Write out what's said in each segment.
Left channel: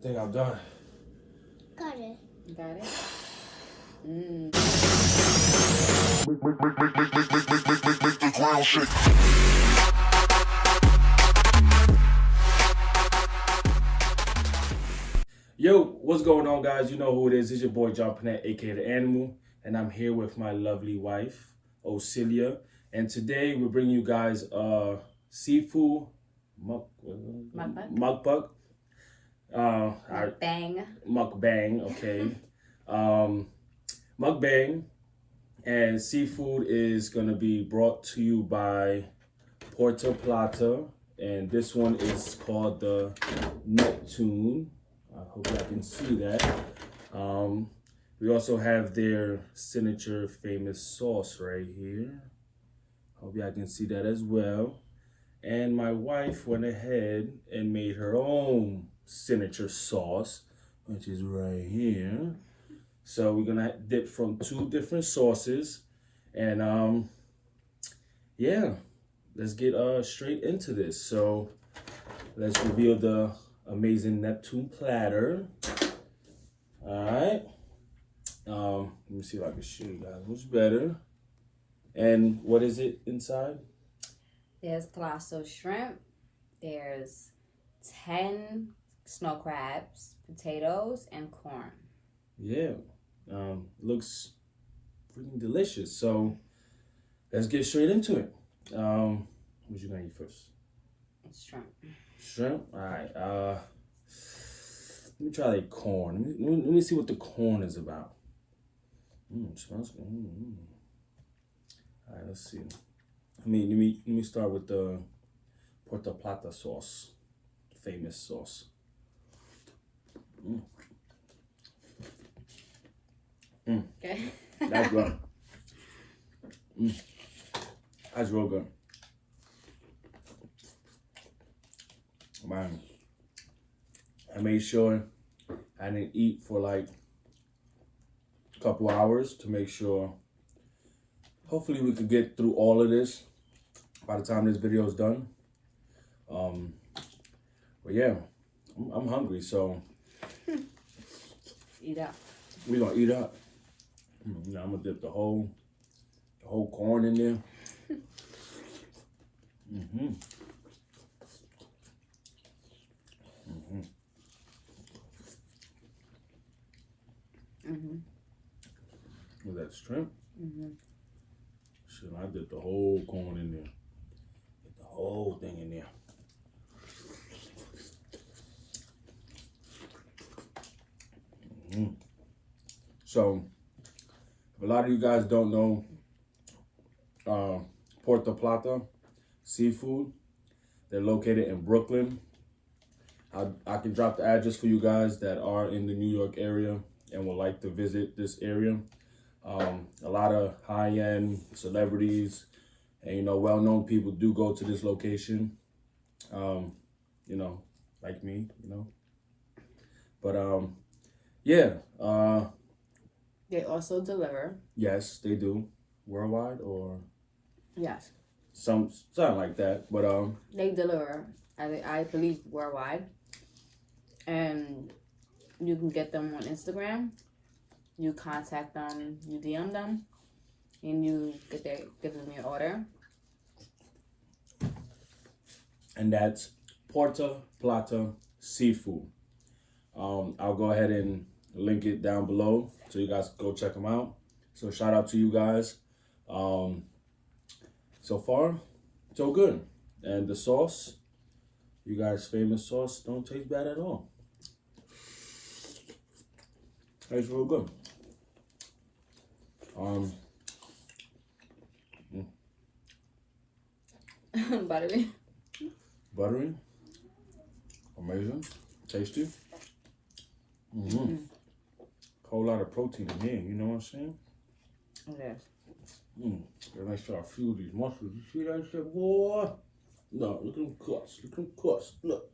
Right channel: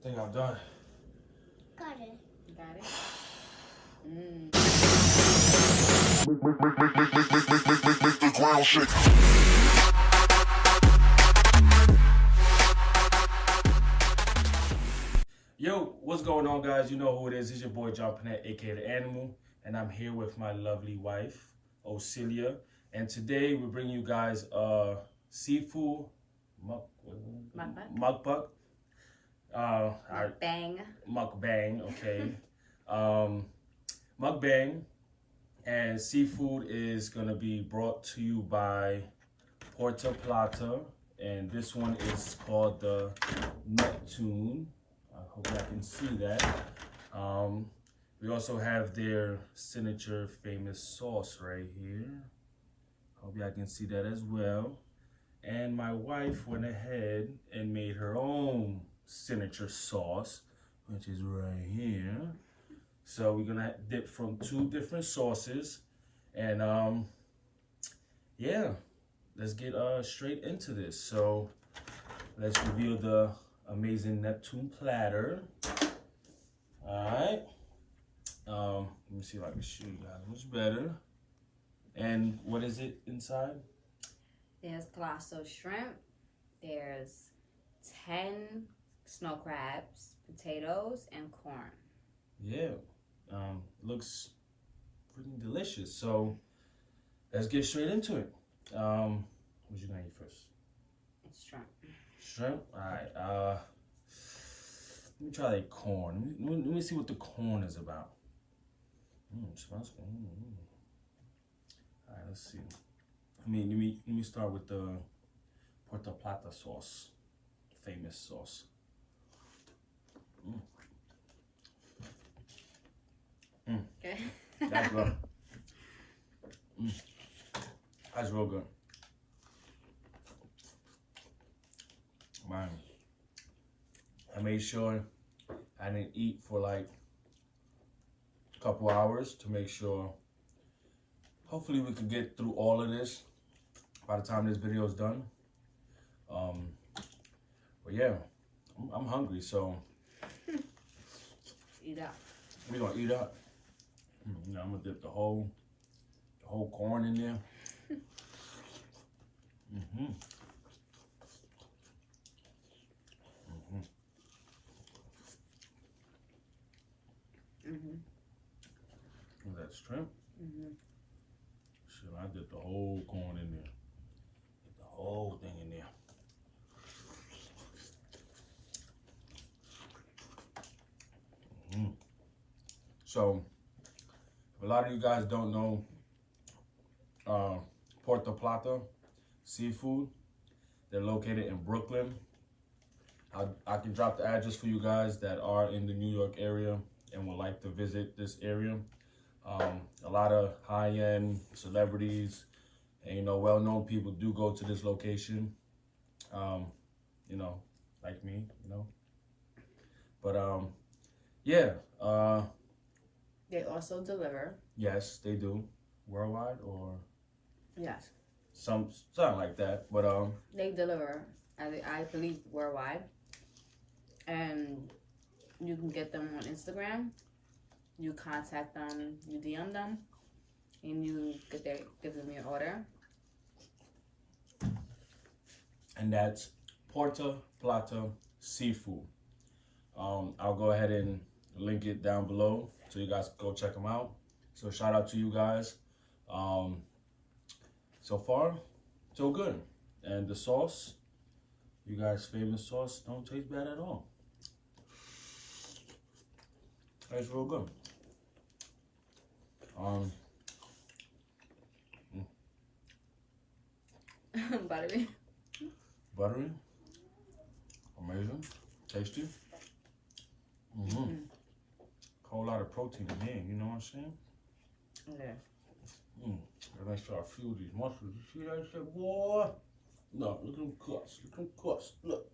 I think I'm done. Got it. You got it? Make the ground shake. Yo, what's going on, guys? You know who it is. It's your boy John Panette, aka The Animal, and I'm here with my lovely wife, Ocilia. And today we're bringing you guys seafood mukbang. Mukbang, okay. Mukbang, and seafood is gonna be brought to you by Platter, and this one is called the Neptuno. I hope I can see that. We also have their signature famous sauce right here. Hope y'all can see that as well. And my wife went ahead and made her own signature sauce, which is right here. So we're gonna dip from 2 different sauces, and yeah, let's get straight into this. So let's reveal the amazing Neptune platter. All right. Let me see if I can show you guys what's better. And what is it inside? There's colossal shrimp. There's 10 snow crabs, potatoes, and corn. Yeah. Looks freaking delicious. So let's get straight into it. What you gonna eat first? It's shrimp. Shrimp? All right. Let me try the corn. Let me see what the corn is about. Smells good. All right, let's see. Let me start with the Puerto Plata sauce, famous sauce. Okay. That's good. That's real good. Man, I made sure I didn't eat for like a couple hours to make sure. Hopefully we could get through all of this by the time this video is done. But yeah, I'm hungry, so Eat up. we're gonna eat up. Now I'm gonna dip the whole corn in there. Was that shrimp? Shit, I did the whole corn in there. Get the whole thing in there. So, a lot of you guys don't know Puerto Plata seafood. They're located in Brooklyn. I can drop the address for you guys that are in the New York area and would like to visit this area. A lot of high-end celebrities and, well-known people do go to this location, like me, But, yeah. They also deliver. Yes, they do. Worldwide or? Yes. Something like that. But, They deliver, I believe, worldwide. And you can get them on Instagram. You contact them, you DM them, and you give them your order. and that's Puerto Plata seafood. I'll go ahead and link it down below so you guys go check them out. So shout out to you guys. So far, so good. And the sauce, you guys' famous sauce, don't taste bad at all. Tastes real good. Buttery. Buttery, amazing, tasty. Whole lot of protein in here, you know what I'm saying? Okay. Then I start feel these muscles. You see that shit, boy? No, look at them cuts. Look at them cuts. Look.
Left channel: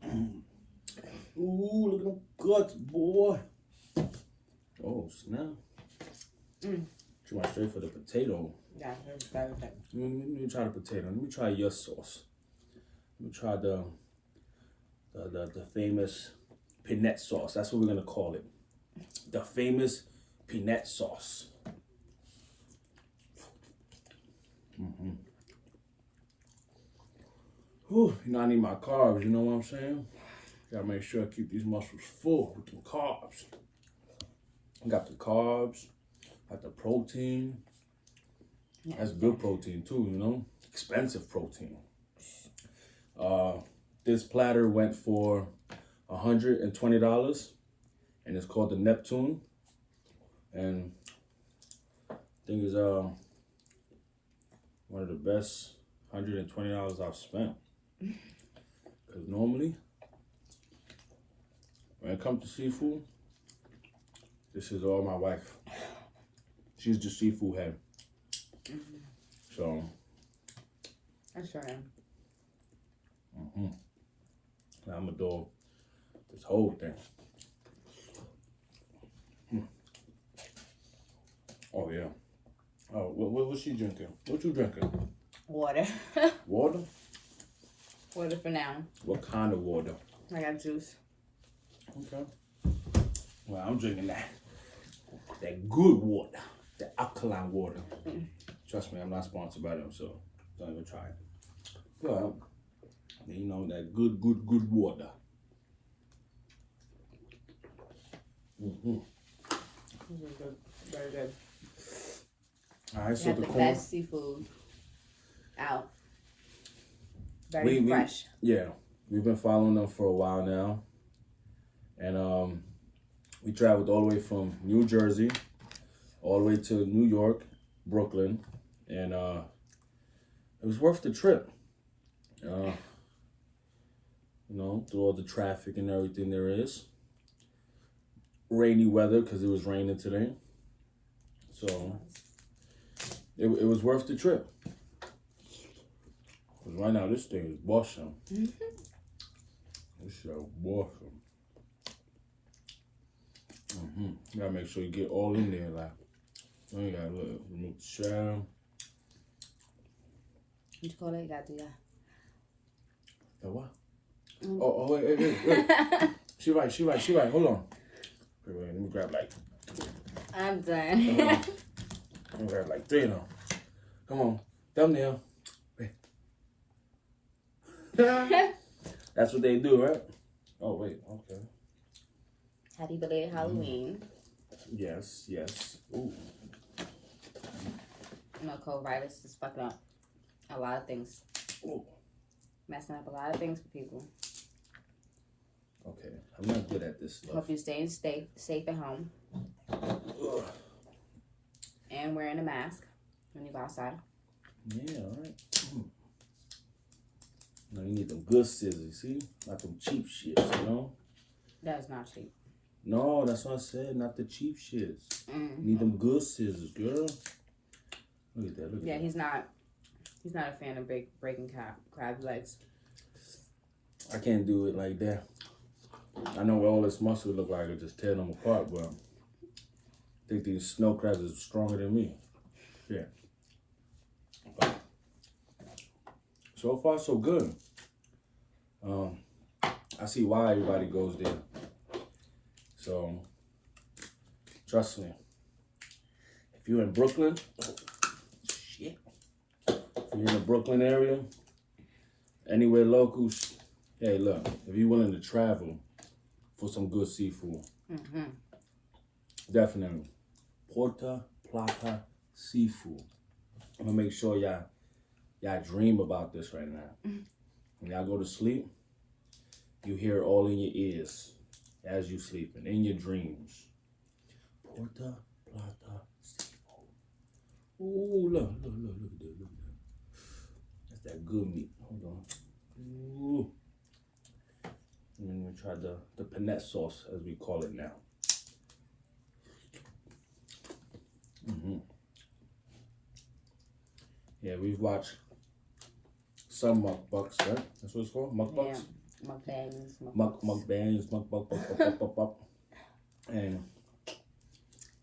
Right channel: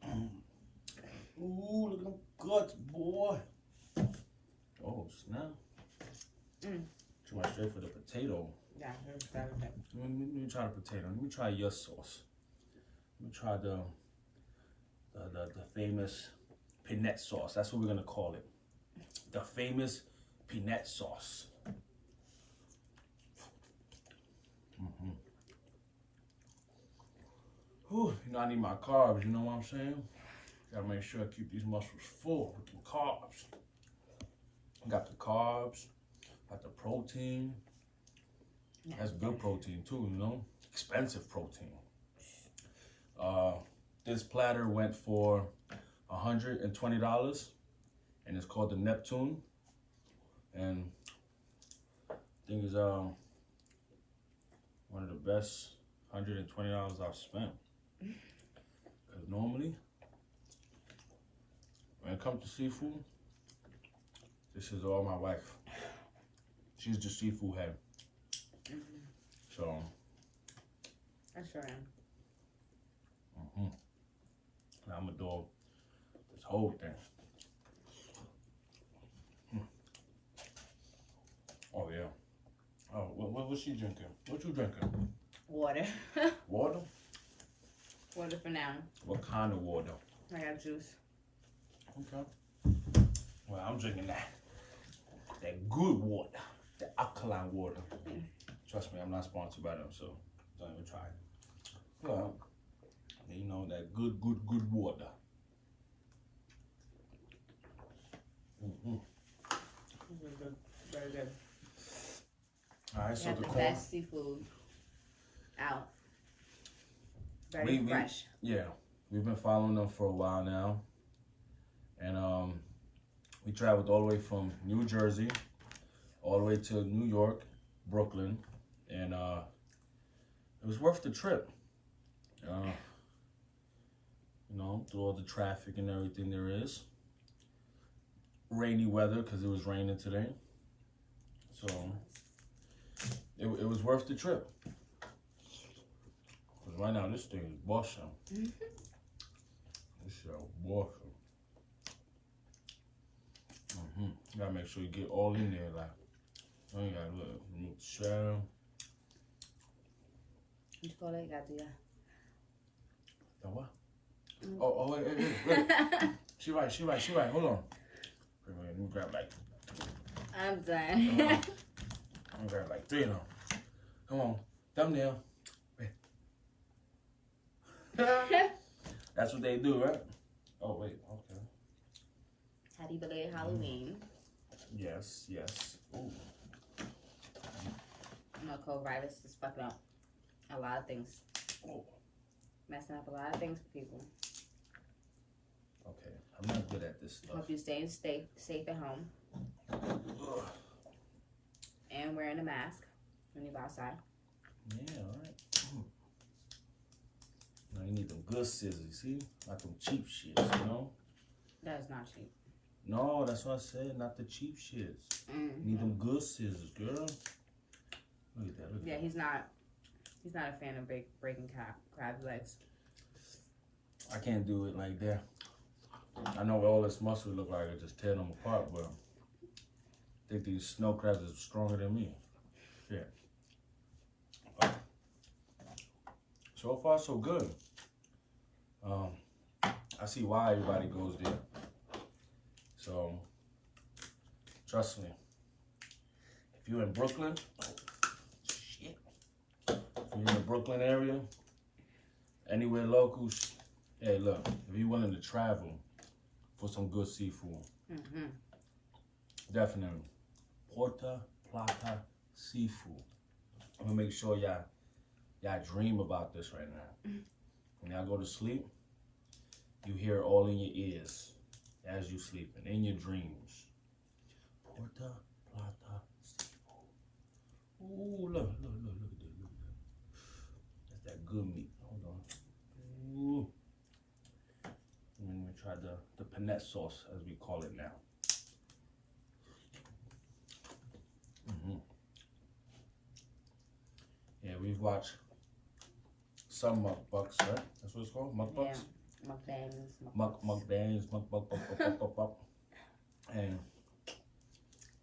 Ooh, look at them cuts, boy. Oh, snap. You want straight for the potato. Yeah, Let me try the potato. Let me try your sauce. Let me try the famous peanut sauce. That's what we're gonna call it. The famous peanut sauce. Whew, you know, I need my carbs, you know what I'm saying? Gotta make sure I keep these muscles full with the carbs. I got the carbs, got the protein. That's good protein too, you know? Expensive protein. This platter went for $120 and it's called the Neptune. And I think it's one of the best $120 I've spent. Because normally, when it comes to seafood, this is all my wife. She's the seafood head. So. I sure am. I'm a dog. This whole thing. Oh yeah. Oh, what's she drinking? What you drinking? Water. Water? Water for now. What kind of water? I got juice. Okay. Well, I'm drinking that good water, the alkaline water. Trust me, I'm not sponsored by them, so don't even try it. But you know, that good water. Very good. All right, so You have the the corn. best seafood out. Very fresh. Yeah, we've been following them for a while now, and we traveled all the way from New Jersey, all the way to New York, Brooklyn, and it was worth the trip. You know, through all the traffic and everything there is. Rainy weather because it was raining today, so it was worth the trip. Cause right now this thing is awesome. This shit awesome. You gotta make sure you get all in there, like you gotta remove the shell. What you call it? You got the The what? Oh, wait. She right. Hold on. Wait, let me grab like. I'm done. Let me grab like 3 of them. Come on, thumbnail. Wait. That's what they do, right? Oh wait, okay. Happy belated Halloween. Yes. Ooh. You know, COVID-virus is fucking up a lot of things. Ooh. Messing up a lot of things for people. Okay, I'm not good at this stuff. Hope you're staying safe at home. Ugh. And wearing a mask when you go outside. Yeah, all right. Now you need them good scissors, see? Not them cheap shits, you know? That's not cheap. No, that's what I said, not the cheap shits. You need them good scissors, girl. Look at that, Yeah, he's not a fan of breaking crab legs. I can't do it like that. I know all this muscle look like I just tear them apart, but I think these snow crabs is stronger than me. Yeah. Okay. So far, so good. I see why everybody goes there. So, trust me. If you're in Brooklyn, shit. If you're in the Brooklyn area, anywhere local, hey, look, if you're willing to travel for some good seafood, definitely. Puerto Plata seafood. I'm gonna make sure y'all dream about this right now. When y'all go to sleep, you hear it all in your ears as you sleeping, in your dreams. Puerto Plata seafood. Ooh, look at that. That's that good meat. Hold on. Ooh. And then we try the peanut sauce, as we call it now. Yeah, we've watched some mukbangs, right? That's what it's called? Mukbangs? Yeah, Mukbangs, mukbang. And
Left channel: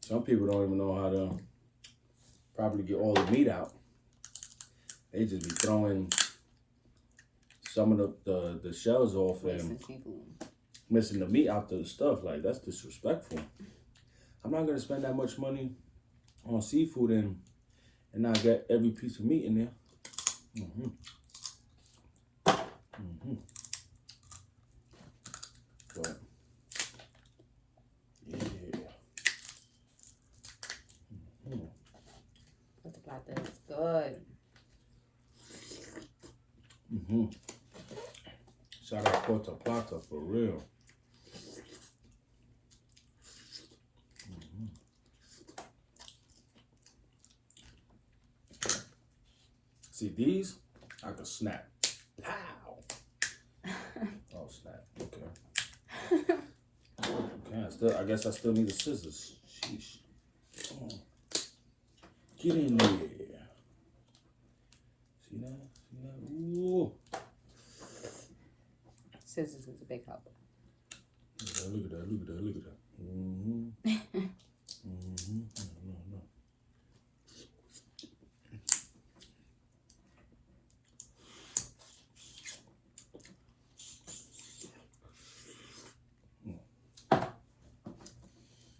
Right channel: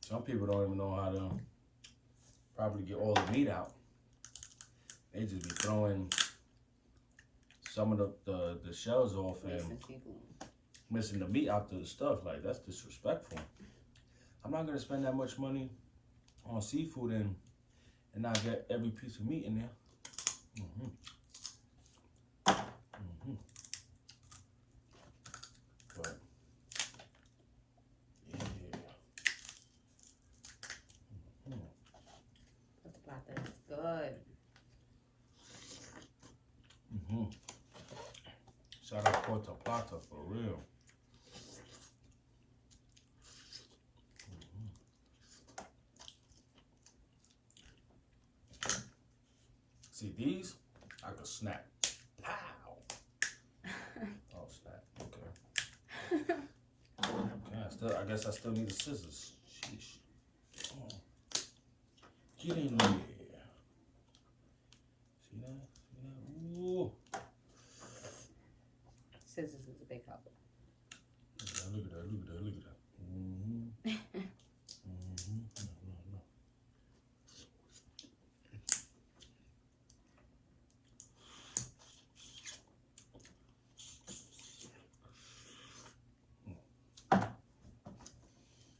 some people don't even know how to properly get all the meat out. They just be throwing some of the shells off and missing the meat out the stuff. Like, that's disrespectful. I'm not gonna spend that much money on seafood and not get every piece of meat in there. But yeah. But the platter is good. Shout out Platter for real. See these? I could snap. Pow! Oh snap. Okay. Okay. I guess I still need the scissors. Sheesh. Oh. Get in there. See that? See that? Ooh. Scissors is a big help. Look at that. Look at that. Look at that.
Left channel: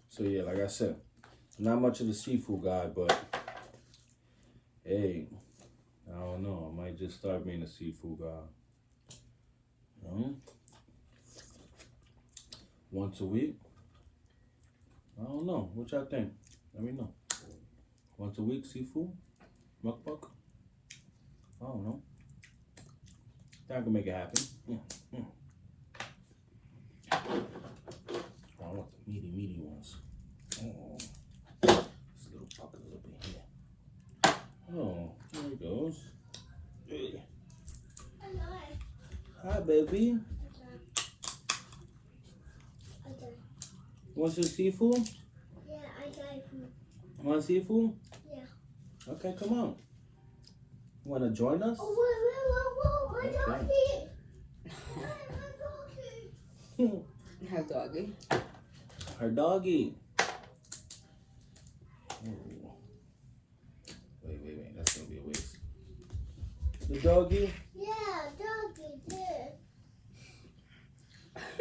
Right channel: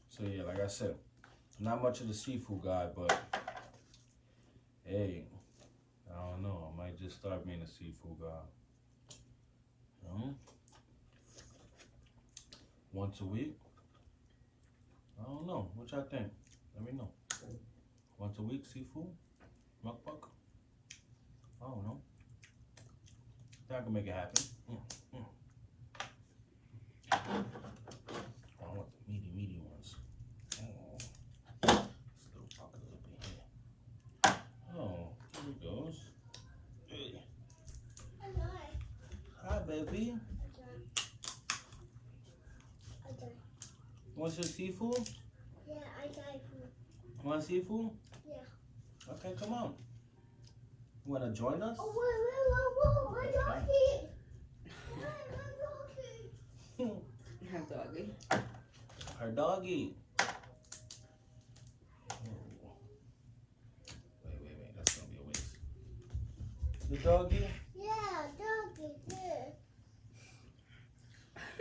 So yeah, like I said, not much of the seafood guy, but hey, I don't know. I might just start being a seafood guy. Once a week. I don't know. What y'all think? Let me know. Once a week seafood? Mukbang? I don't know. I can make it happen. I want the meaty ones. Oh, this little pucker a little bit here. Oh, there it goes. Hey. Hi, baby. Want some seafood? Yeah, I got it. Want seafood? Yeah. Okay, come on. You want to join us? Oh, whoa, my doggy. Her doggy. Her doggy. Oh. Wait. That's going to be a waste. The doggy? Yeah, doggy, there.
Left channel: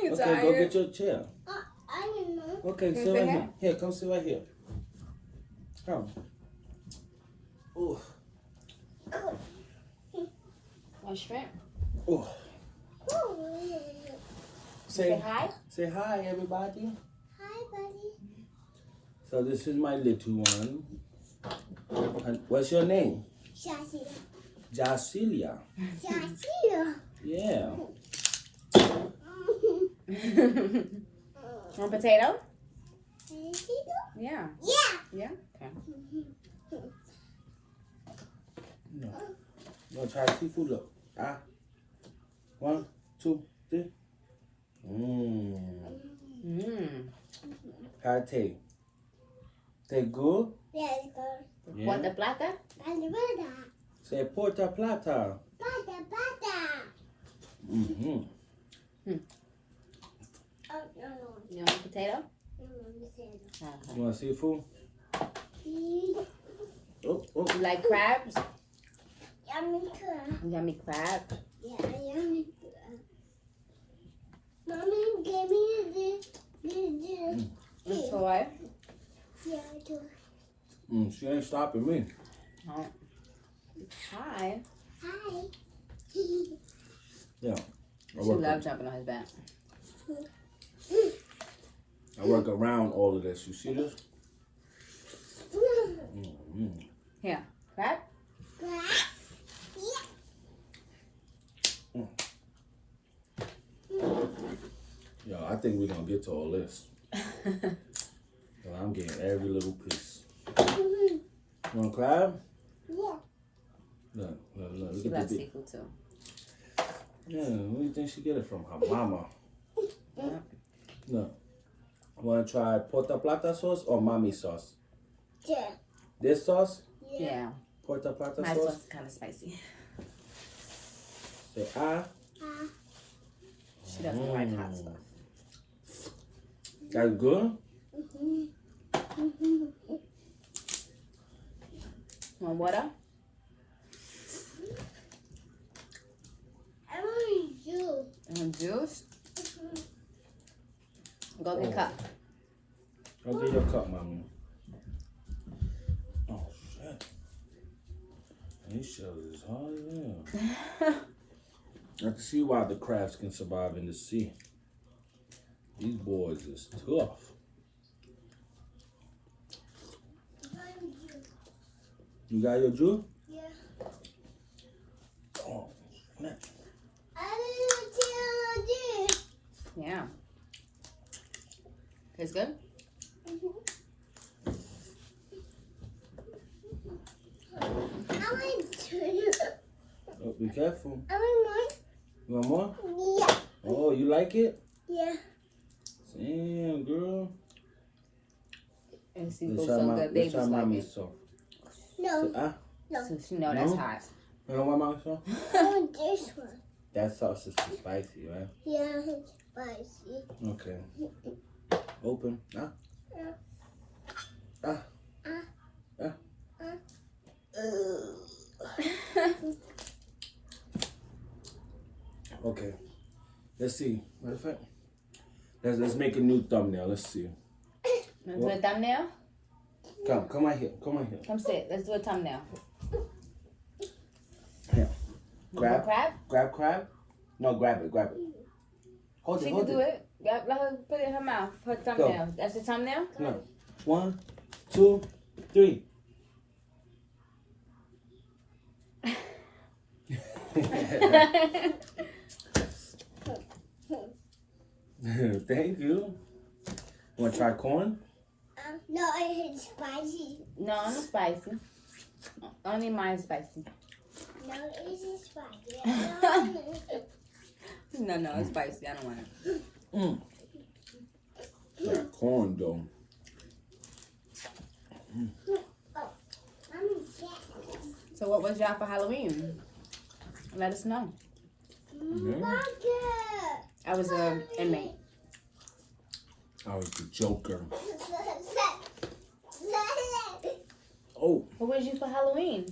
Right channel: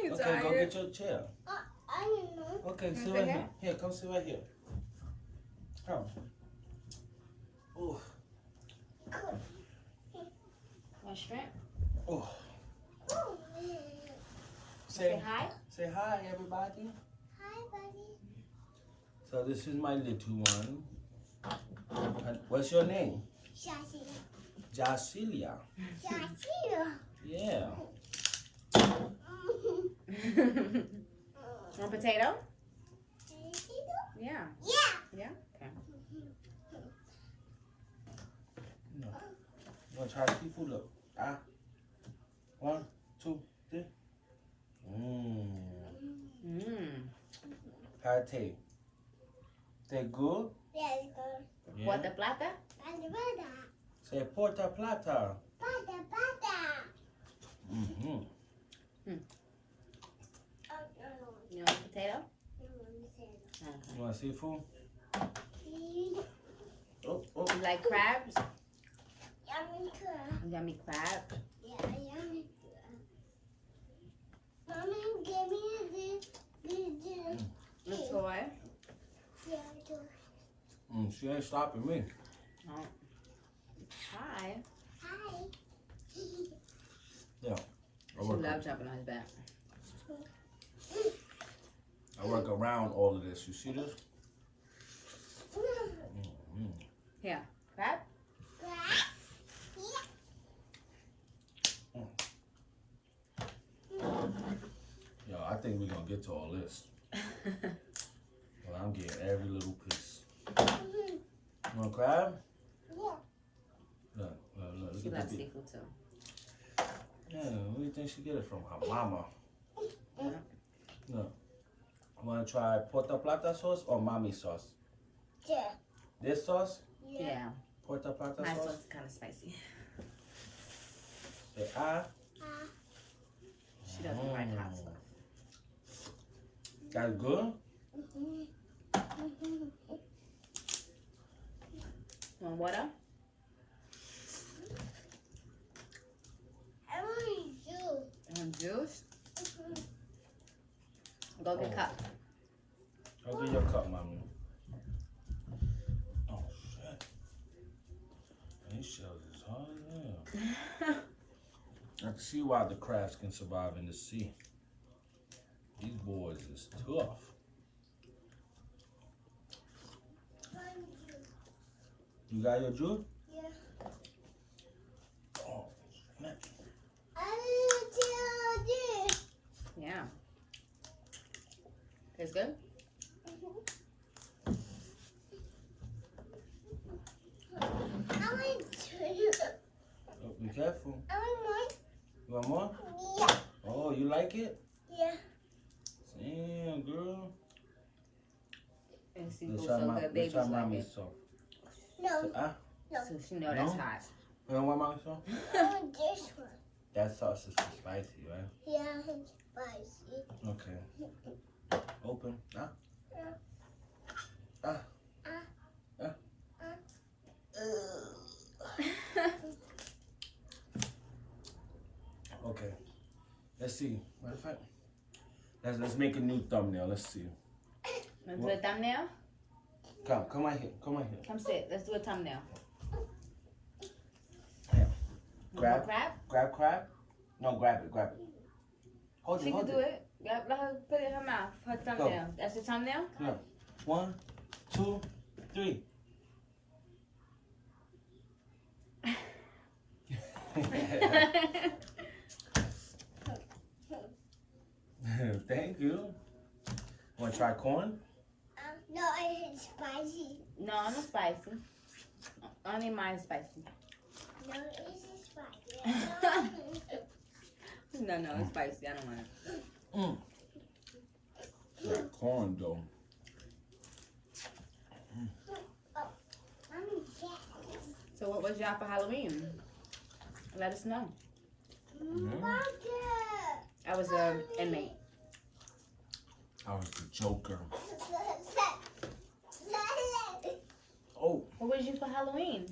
You Okay, tired? go get your chair. I don't know. Okay, sit right here. Here, come sit right here. Come. Oh. Oh, shrimp. Oh. Say hi. Say hi, everybody. Hi, buddy. So this is my little one. And what's your name? Shashia. Jasilia. Shashia. Yeah. Want potato? Yeah. Yeah. Yeah? Okay. No. You want to try seafood? Look. 1, 2, 3. How it taste? Taste good? Yeah, it's good. Yeah. Want the platter? Alvada. Say Porta Plata. Pata. Oh, no. You want potato? Okay. You want seafood? Oh. You like crabs? Yummy crab. Yummy crab. Yeah, yummy crab. Mommy gave me this. A toy. Yeah, I do. She ain't stopping me. Oh. Hi. Hi. Yeah. She loves jumping on his back. I work around all of this. You see this? Here. Crab? Crab? Yo, I think we're going to get to all this. Well, I'm getting every little piece. You want crab? Yeah. Look. She loves seafood too. Yeah, where do you think she get it from? Her mama. Yeah. Look. Want to try Porta Plata sauce or mommy sauce? Yeah. This sauce? Yeah. Porta Plata My sauce? sauce is kind of spicy. Say She doesn't like hot stuff. That's good? Want water? I want juice. And juice? Go get a cup. Go get your cup, mommy. Oh, shit. These shells is hard as hell. I can see why the crabs can survive in the sea. These boys is tough. You got your juice? Yeah. Oh, snap. I didn't tell you. Yeah. Tastes good? I want to. Oh, be careful. I want You want more? more. Yeah. Oh, you like it? Yeah. Damn, girl. And see, Let's those try some my, good let's babies try like mommy's it. sauce. No. So she know No? that's hot. You don't want mommy's sauce? I want this one. That sauce is too spicy, right? Yeah, it's spicy. Okay. Open. Okay. Let's see. Matter of fact, let's make a new thumbnail. Let's see. Wanna do a thumbnail? Come right here. Come right here. Come sit. Let's do a thumbnail. Here. You want crab? Grab crab. No, grab it. Grab it. Hold She it. can Hold do it. it. Let her put it in her mouth. Her thumbnail. That's your thumbnail? No. 1, 2, 3. Thank you. Want to try corn? No, it's spicy. No, not spicy. Only mine is spicy. No, it's spicy. No, it's spicy. I don't want it. Mm. Like corn though. So what was y'all for Halloween? Let us know. I was an inmate. I was the Joker. Oh, Who was you for Halloween?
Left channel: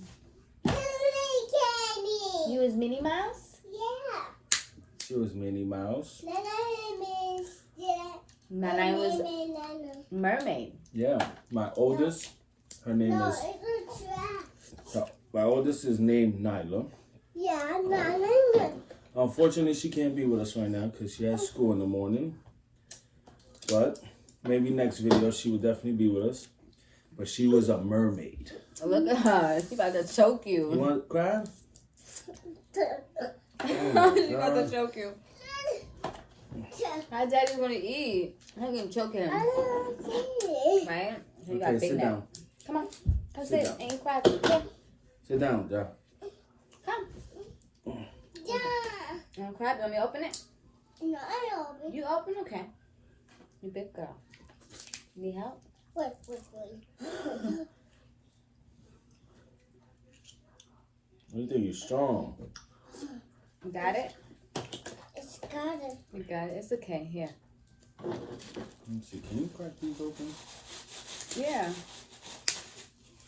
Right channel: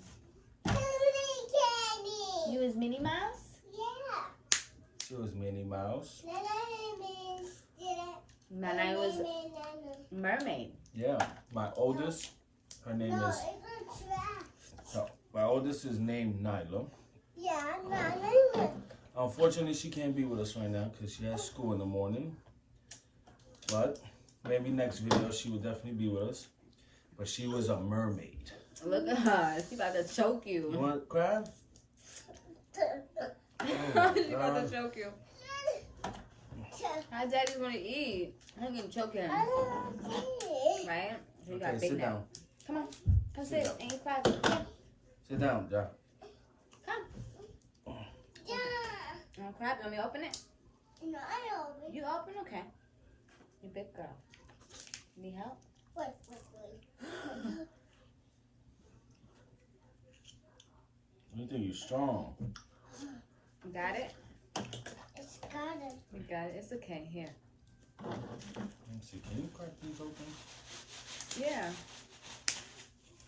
Candy. You was Minnie Mouse? Yeah. she was Minnie Mouse. My name was Mermaid. Yeah, my oldest. Her name No, is. it's a trap. My oldest is named Nyla. Yeah, no. Unfortunately, she can't be with us right now because she has school in the morning. But maybe next video she will definitely be with us. But she was a mermaid. Look at her. She about to choke You you. want to cry? She about to choke you. My daddy want to eat. I'm going to choke him. Right? You got Okay, big sit neck. down. Come on. Come Sit sit. down. Ain't crack. Come. Sit down, Jack. Come. Ain't crack. You want me to open it? No, I don't. You open? Okay. You big girl. Need help? Wait. You think you're strong? You got it? It's got it. You got it. It's okay. Here. Let me see. Can you crack these open? Yeah.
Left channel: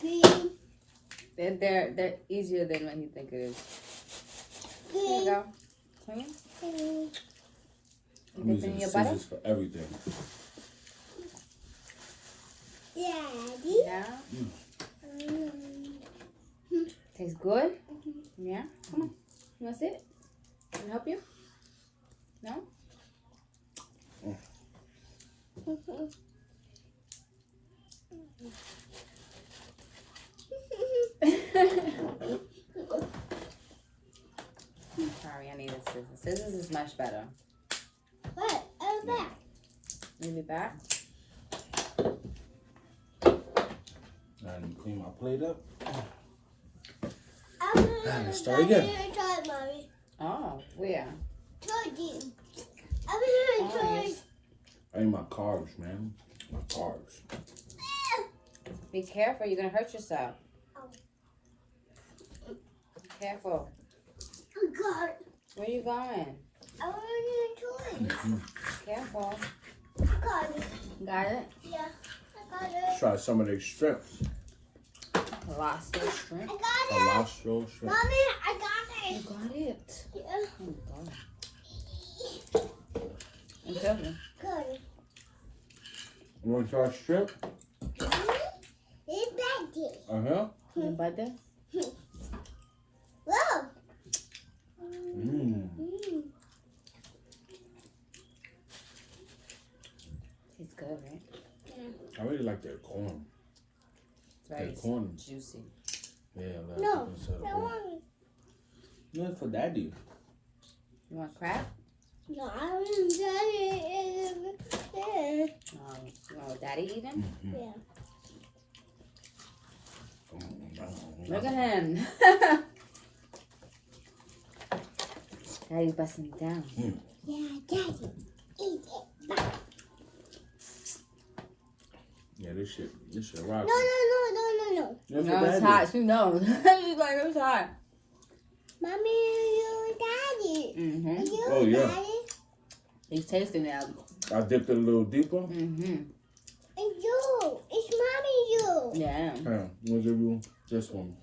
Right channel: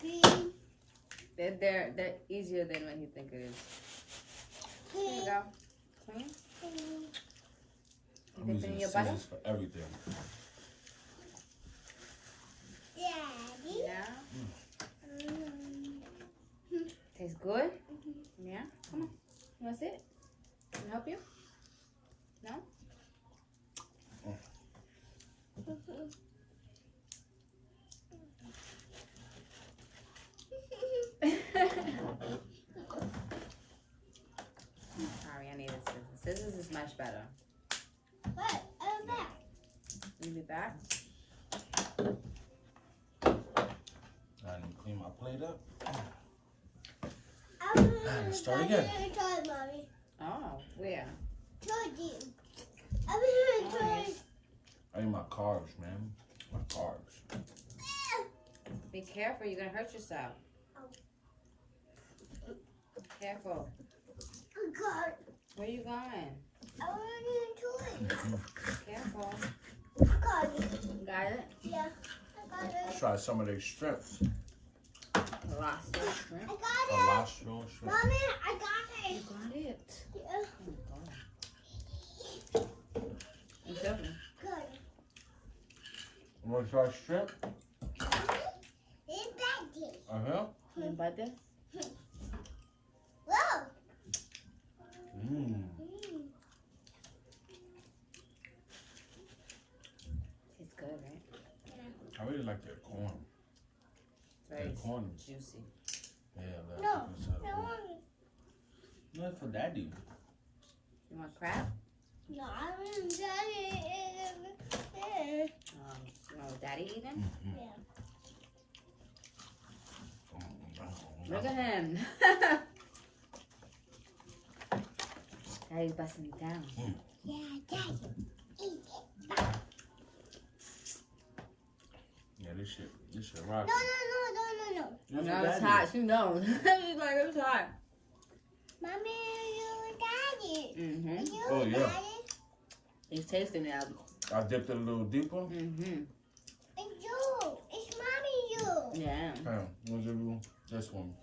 Green. They're easier than what you think it is. Here you Green. go. See? Green. I'm You dip it using in your butter? scissors for everything. Daddy. Yeah. Tastes good? Yeah. Come on. You want to sit? Can I help you? No? Sorry, I need a scissors. Scissors is much better. What? Oh, back. Maybe back. I need to clean my plate up. Let's start again. Mommy. Oh, where? Told you. I'm Oh, gonna yes. I need my carbs, man. My carbs. Be careful, you're gonna hurt yourself. Be careful. I got it. Where you going? I want to toy. Careful. I got it. Got it? Yeah. I got it. Try some of their strips. Lost your shrimp. I got it. Colostro shrimp. Mommy, I got You it. got it. Yeah. Oh, God. You careful. Got it. You want to try strip? It's back Uh-huh. And butter. Whoa. Mmm. It's good, right? I really like that corn. Very That corn. juicy. Yeah, like No. instead I of want. not for daddy. You want crab? No, I want daddy. You want what daddy eating? Yeah. Look at him. Daddy's busting it down. Yeah, daddy. Eat it. Yeah, this shit rock. No. That's No, for it's daddy. hot. She knows. She's like, it's hot. Mommy, you daddy. Mm-hmm. You Oh, yeah. daddy. He's tasting it. I dipped it a little deeper. Mm-hmm. And you. It's mommy you. Yeah. Here, we'll give you this one.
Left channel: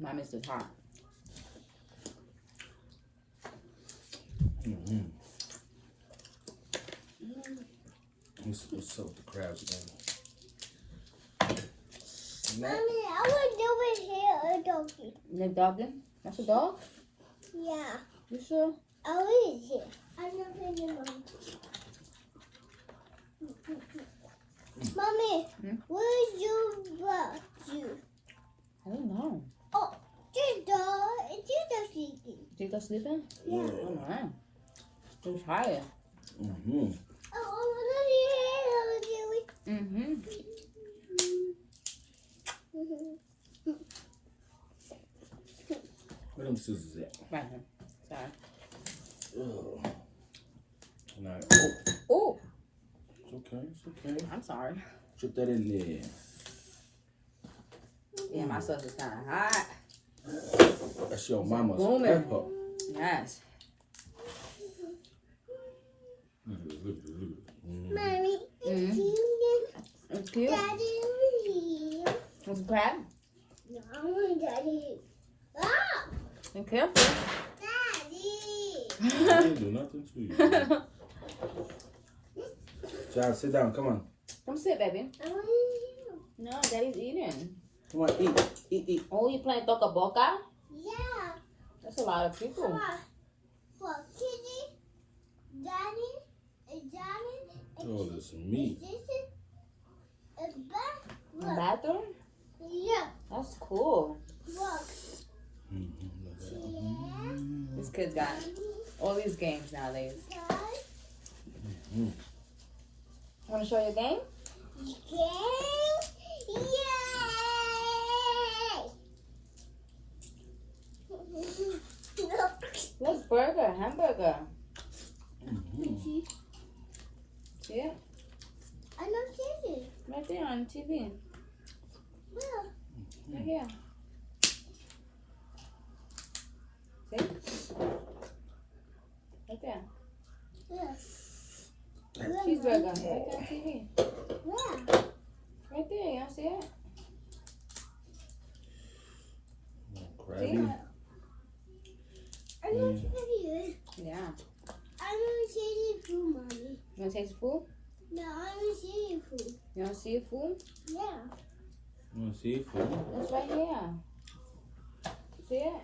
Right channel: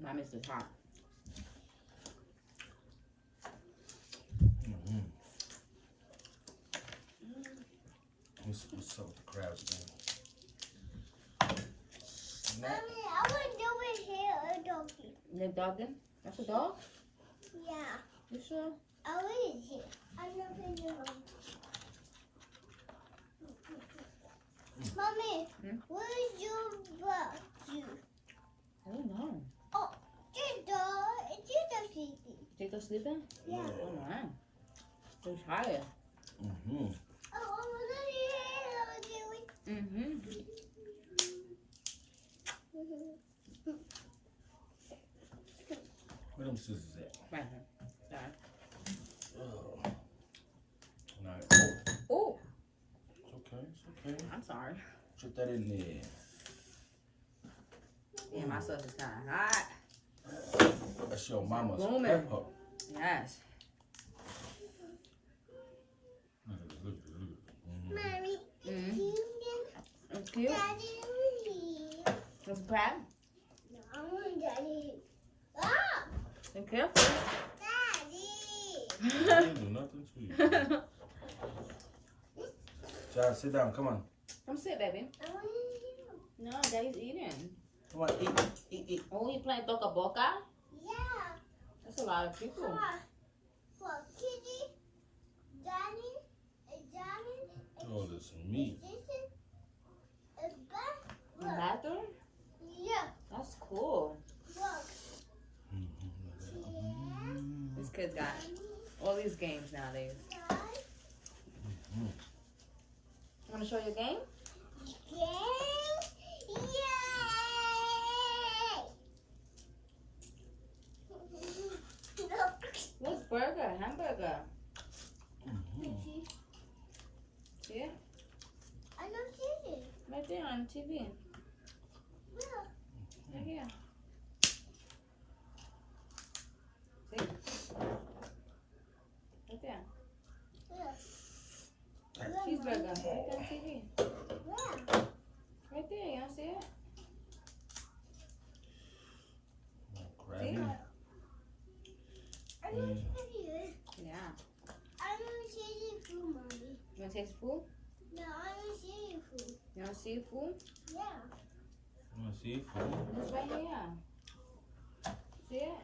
Mommy's just hot. Mm-hmm. What's up with the crabs again? Mommy, I want to do it here, a doggy. You dogging? That's a dog? Yeah. You sure? I will eat it. I'm not going to Mommy, Hmm? where's your brother? I don't know. Oh, this dog. It's just sleeping. Chico sleeping? Yeah. Oh, wow. He's tired. Mm-hmm. Oh, I want to do it. Mm-hmm. Where them scissors at? Right here. Sorry. Ugh. Now, oh, Oh, it's okay. It's okay. I'm sorry. Chip that in there. Yeah, my sauce is kind of hot. That's your mama's Booming. pepper. Yes. Mommy, Mm-hmm. it's you It's cute. and Daddy over here. It's a crab. No, I want Daddy. Ah! You careful. Daddy! I didn't do nothing to you. Child, sit down. Come on. Come sit, baby. I want you. No, daddy's eating. Come on. Eat. Oh, you playing toca boca? Yeah. That's a lot of people. Come on. For Kitty, Daddy, and Johnny, and Oh, this meat. this is a back. The Look. bathroom? Yeah. That's cool. Look. Mm-hmm. These kids got all these games nowadays. Yeah. Mm-hmm. Want to show your game? Game. Yay! What's burger? Hamburger. Mm-hmm. See it? I don't see it. Right there on TV. Well, Right here. See? Right there. yeah. Cheeseburger. Right there on TV. Yeah. Right there. You don't see it? Crabby. I don't see it. Yeah. I don't see it food, Mommy. You want to taste the food? No, I don't see it food. You want to see the food? Yeah. You want to see it? Food? It's right here. See it?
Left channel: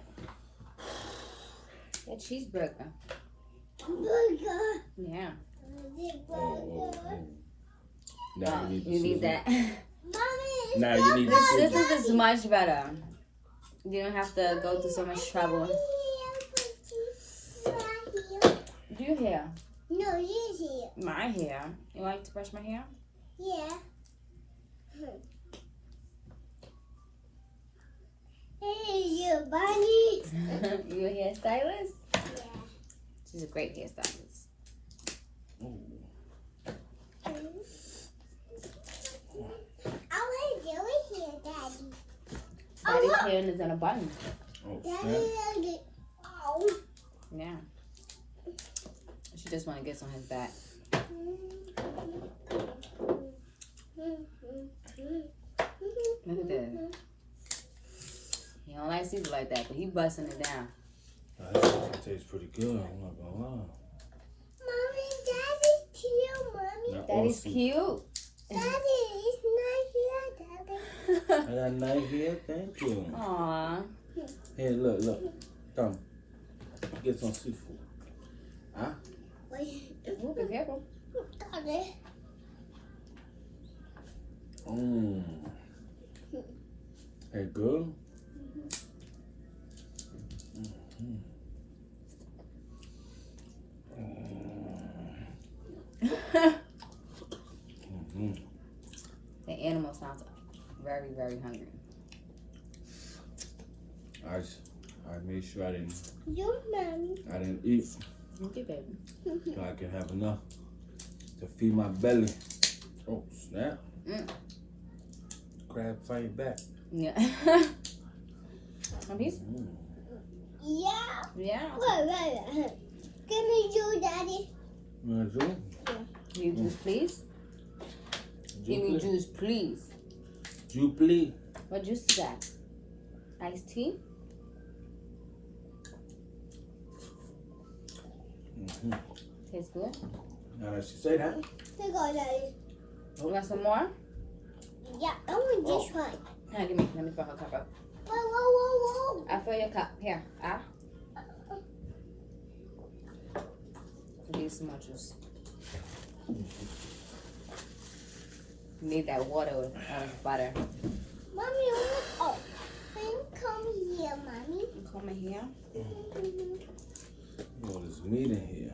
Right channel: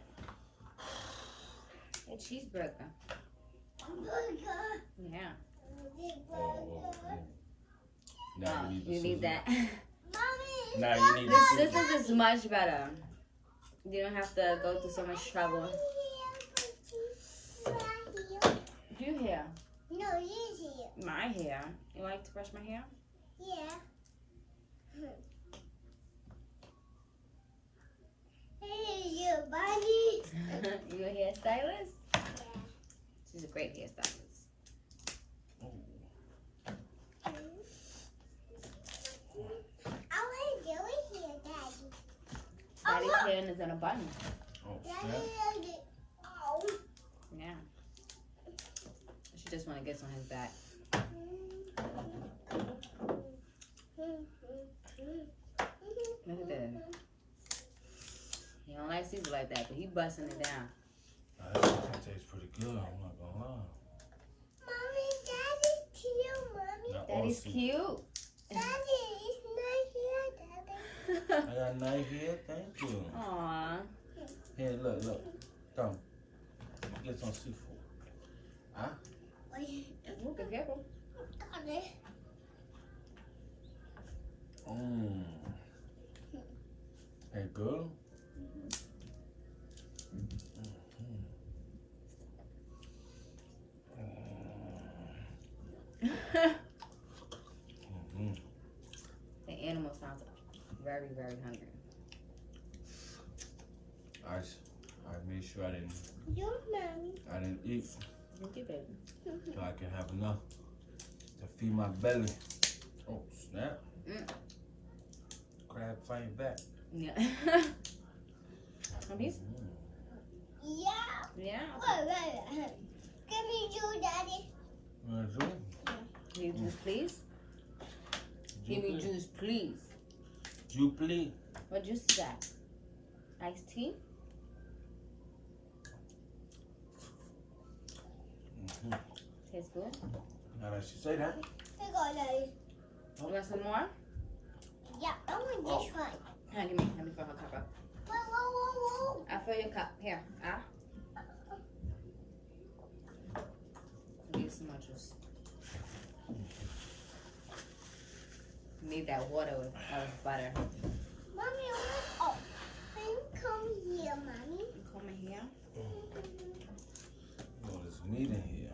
A cheeseburger. Burger. Yeah. Oh. Now you need the You need scissors. that. Mommy, Now you need the This scissors. is much better. You don't have to go through so much trouble. Your hair. No, he's here. My hair. You like to brush my hair? Yeah. Hey, you bunny. You a hairstylist? Yeah. She's a great hairstylist. I want to do it here, Daddy. Daddy's hair is in a bun. Oh, Daddy, snap. Daddy. Oh. Yeah. She just want to get some on his back. Look at that. He don't like Caesar like that, but he busting it down. That actually tastes pretty good. I'm not gonna lie. Mommy, Daddy's too Daddy's awesome. cute. Daddy, it's not here, Daddy. I got a knife here. Thank you. Aw. Here, look. Come. Get some seafood. Huh? Wait, Ooh, be careful. Daddy. Mmm. Hey, good? The animal sounds very, very hungry. I made sure I didn't eat Okay, baby. so I can have enough to feed my belly. Oh, snap. Crab fight back. Yeah. One piece? Yeah. Yeah. Wait. Give me you, Daddy. You want to do? Give me juice, please. Give me juice, please. Juice, please. What juice is that? Iced tea? Tastes good. Now that she say that. Here you go, Daddy. You want some more? Yeah, I want this one. Here, give me. Let me fill her cup up. Whoa. I'll fill your cup. Here. Give you some more juice. You need that water with butter. Mommy, oh, come here, Mommy. You come in here. Oh, there's meat in here.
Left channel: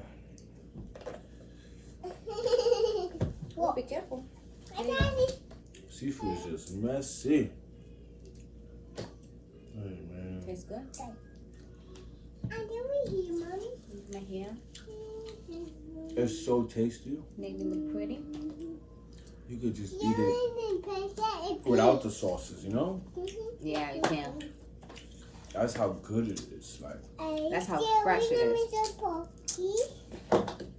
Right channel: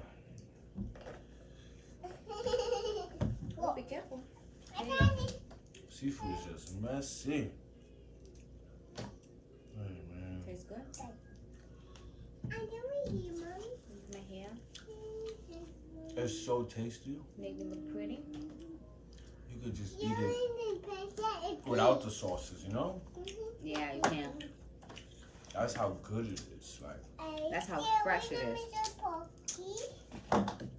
Oh, be careful. Daddy. Seafood is just messy. Hey, man. Tastes good. I'm doing here, Mommy. Come in here. It's so tasty. Make it look pretty. You could just eat it without the sauces, you know? Yeah, you can. That's how good it is. Like, That's how fresh it is. you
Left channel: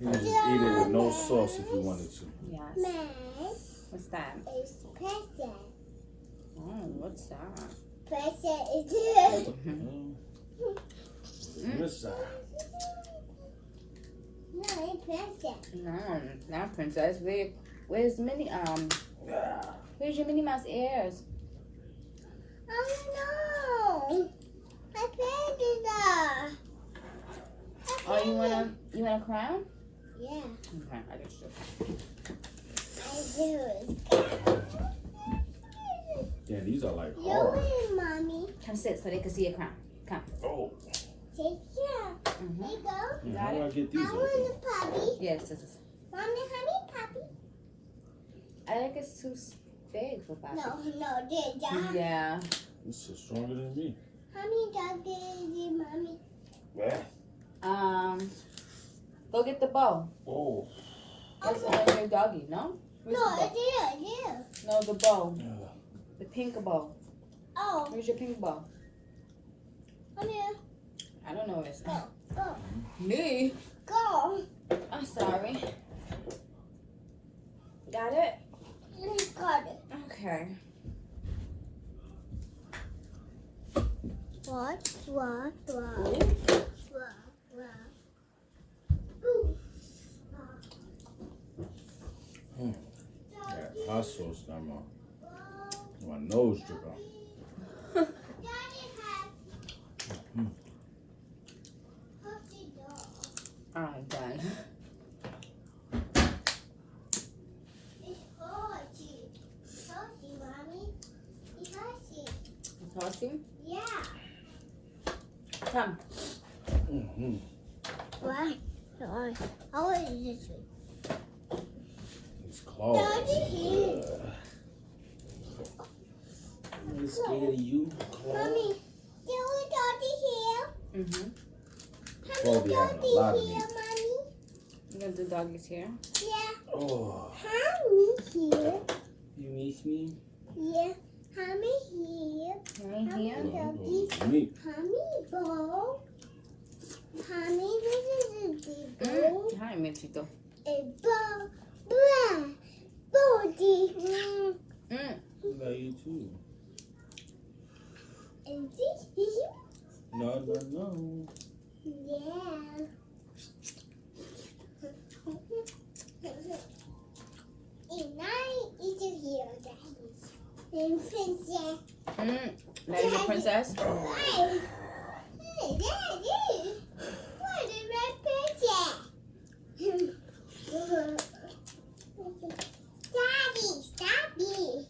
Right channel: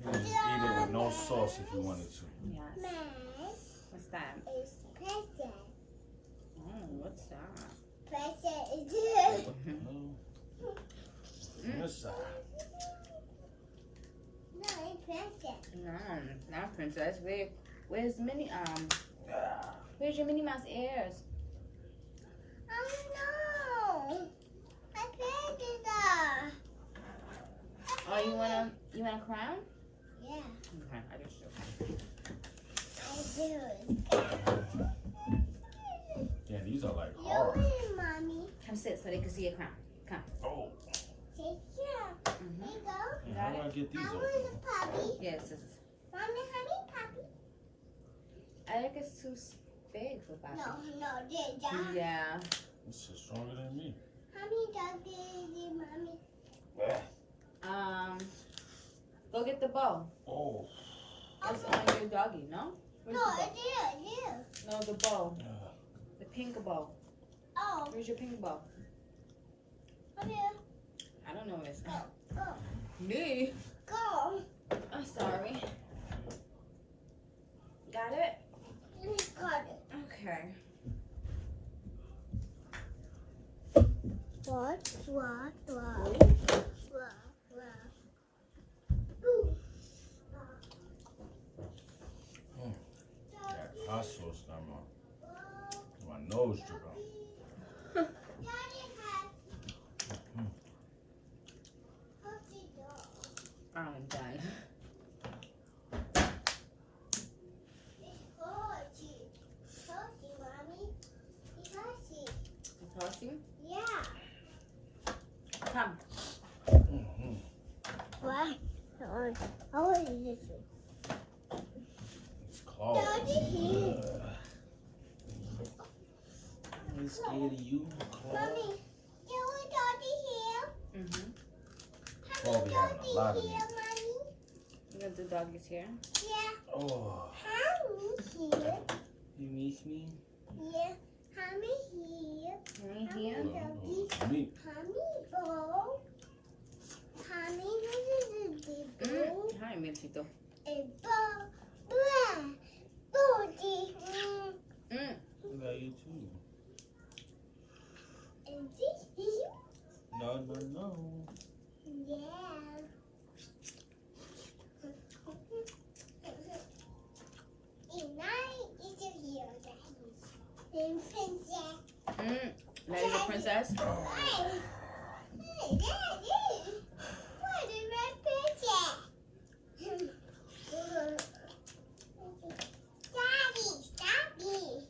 can just eat it with no sauce if you wanted to. Yes. What's that? It's present. Oh, what's that? Present is here. This side. No, it's present. No, not princess. Where's Minnie? Where's your Minnie Mouse ears? Oh no! My present is there. Oh, you want a crown? Yeah, Okay, I just I do. Yeah, these are like You hard. win, Mommy. come sit so they can see your crown. Come. Oh. Take care. Mm-hmm. There you go. How do I get I these want open? a puppy. Yes, this is. Mommy, honey, puppy. I think it's too big for Bobby. No, this dog. Yeah. This is stronger than me. How many dogs is it, Mommy? Yeah. Go get the bow. Oh. That's the one your doggy, no? No, Where's the it's here. bow? No, the bow. Yeah. The pink bow. Oh, Where's your pink bow? come here. I don't know where it's Go. Me? Go. I'm sorry. Got it? Let me cut it. Okay. Swat. That hot sauce got my nose dripping. I'm done. Toasting? Yeah. Come. Why? How is this? It's claws. Daddy. I'm scared of you, claws. Mommy, do we Daddy here? Mm-hmm. Probably having a lot of meat. Mommy? You gonna do doggies here? Yeah. Oh, Mommy here. you miss me? Yeah. Mommy here. Right here? Oh, meat. Mommy bowl. Mommy, this is a big bowl. Hi, Mexico. A bowl. Blah. Body. I love you too. And this is No. yeah. Now you're a princess? Hey, Daddy. What is my picture? Daddy, stop it.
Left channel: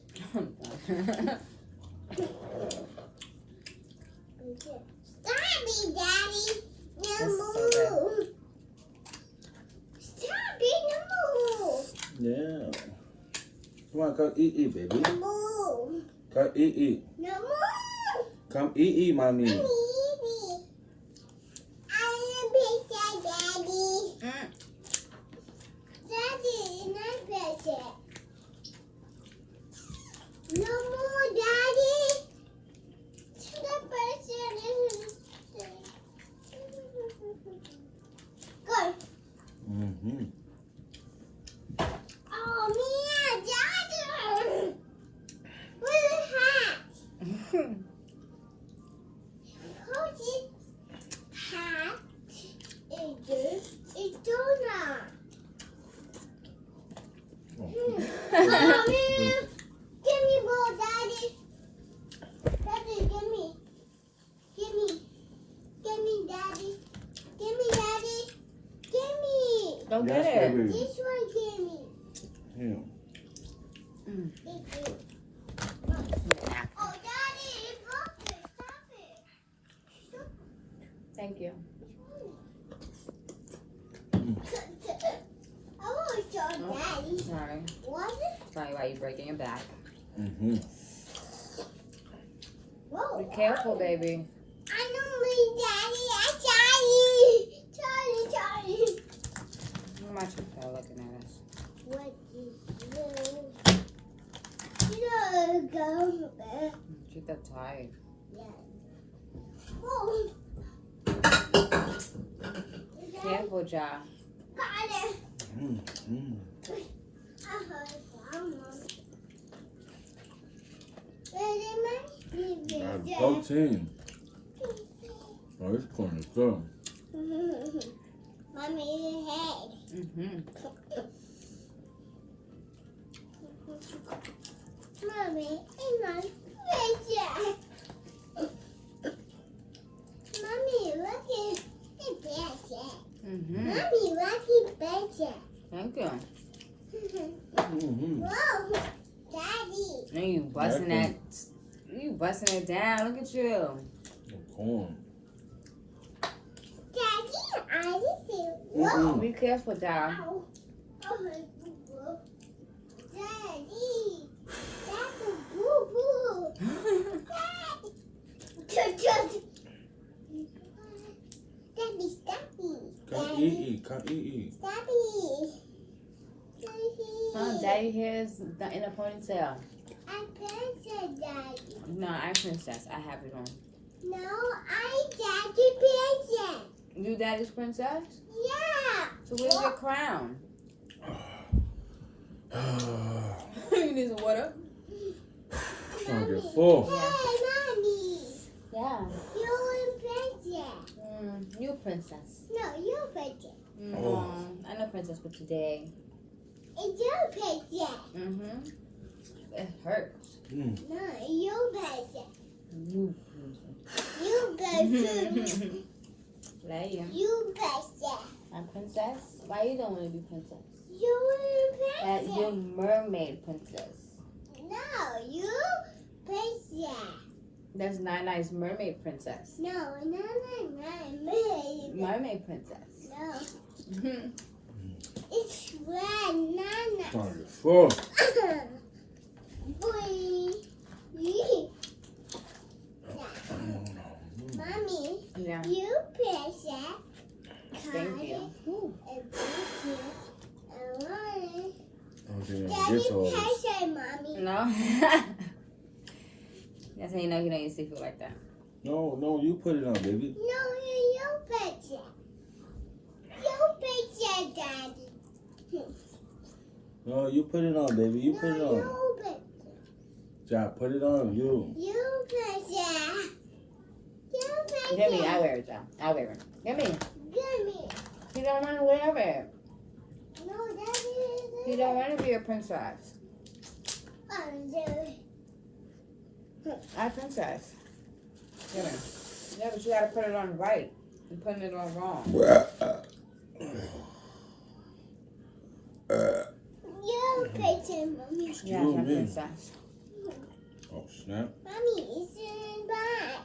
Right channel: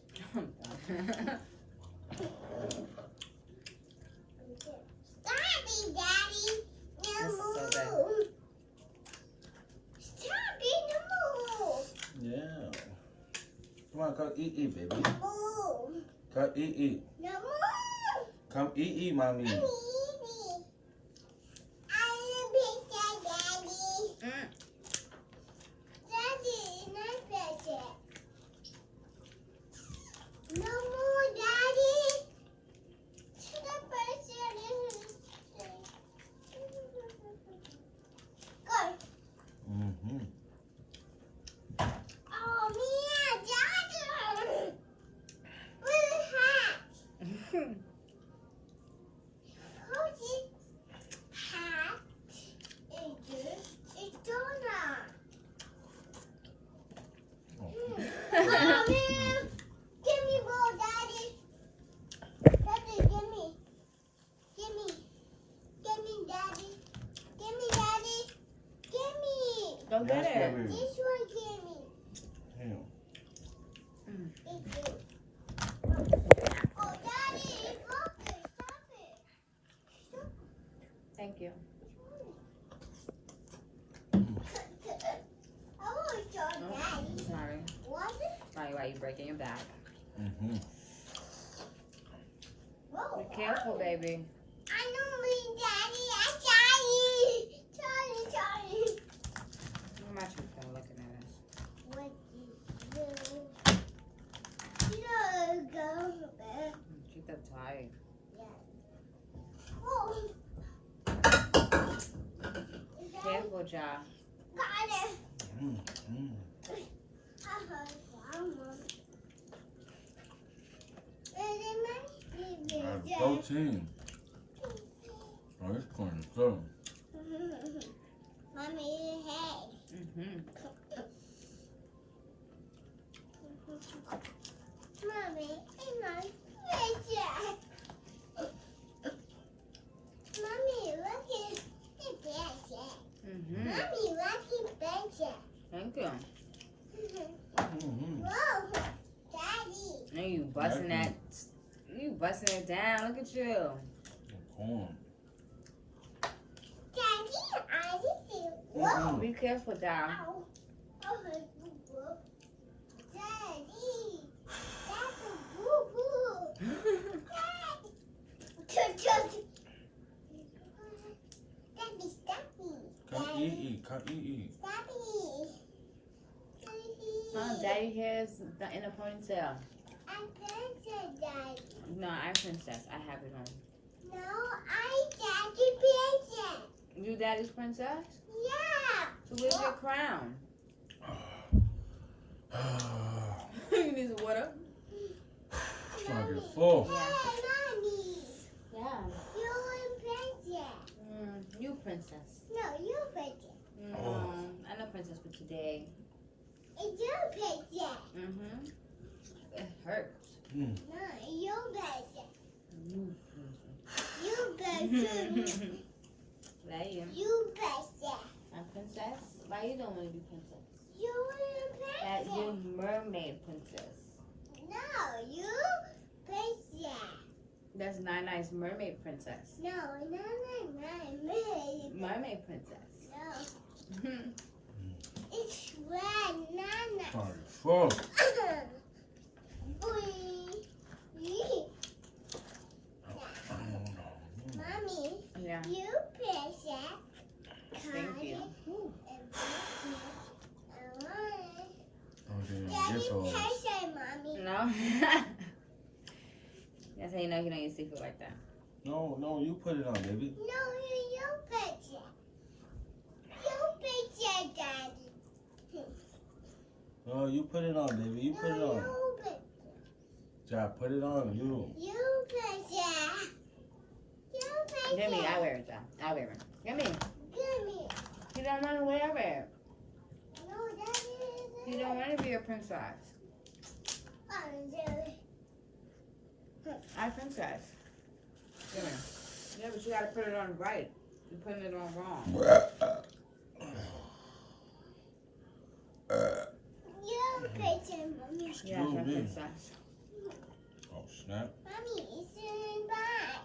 Stop it, Daddy. No move. Stop it, no move. Yeah. Come on, come eat, baby. No move. Come eat. No move. Come eat, mommy. I am picture, Daddy. Daddy, not picture. No more, Daddy. The person is good. Mm-hmm. Oh, Mia, Daddy. What is hat? Who's hat? It's donut. Oh, Mia. Give me ball, Daddy. Daddy, give me. Give me. Give me, Daddy. Give me, Daddy. Give me. Go Yes, get it. baby. This one, give me. Yeah. Thank you. Oh, Daddy, stop it. Thank you. I want to show Daddy. Sorry. What? Sorry why you're breaking your back. Mm-hmm. Whoa. Be careful, baby. I don't mean Daddy. I Charlie. Charlie. I'm not sure looking at us. What is this? No, go back. Keep that tight. Oh. Careful, Ja. Got it. Mm-hmm. Protein. Oh, this corn is good. Mommy, head. Mommy, hang on. Mommy, look at the picture. Mommy, look at the picture. Thank you. Mm-hmm. Whoa, Daddy. And you busting that. You busting it down. Look at you. Corn. Daddy, I did it. Whoa. Mm-mm. Be careful, Ja. Ow. Daddy, that's a boo-boo. Daddy, stop it. Come eat. Come eat. Stop it. Oh, Daddy here's in a ponytail. I'm princess, Daddy. No, I'm princess. I have it on. No, I'm Daddy princess. You Daddy's princess? Yeah. So where's your crown? You need some water? Trying to get full. Hey, Mommy. Yeah. You're princess. You princess. No, you're princess. No, I'm a princess for today. It's your princess. It hurts. Mm. No, you're princess. You You princess. What are you? You princess. I'm princess? Why you don't want to be princess? You're princess. You're mermaid princess. No, you princess. That's Nana's mermaid princess. No, no. Mermaid princess. No, it's red, Nana. Trying to get full. Boy. Mommy, Yeah. you princess. Thank you. I don't think I can Daddy, get to all this. princess, Mommy. No? That's how you know you don't eat seafood like that. No, you put it on, baby. No, you princess. You princess, Daddy. No, you put it on, baby. You put it No, on. you princess. Ja, put it on, you. You princess. You princess. Give me, I wear it, John. I wear it. Give me. Give me. You don't want to wear it. No, Daddy. You don't want to be a princess. Undo. I princess. Yeah, but you gotta put it on right. You're putting it on wrong. You princess, mommy. Yeah, You I'm me. princess. Oh, snap. Mommy, it's in back.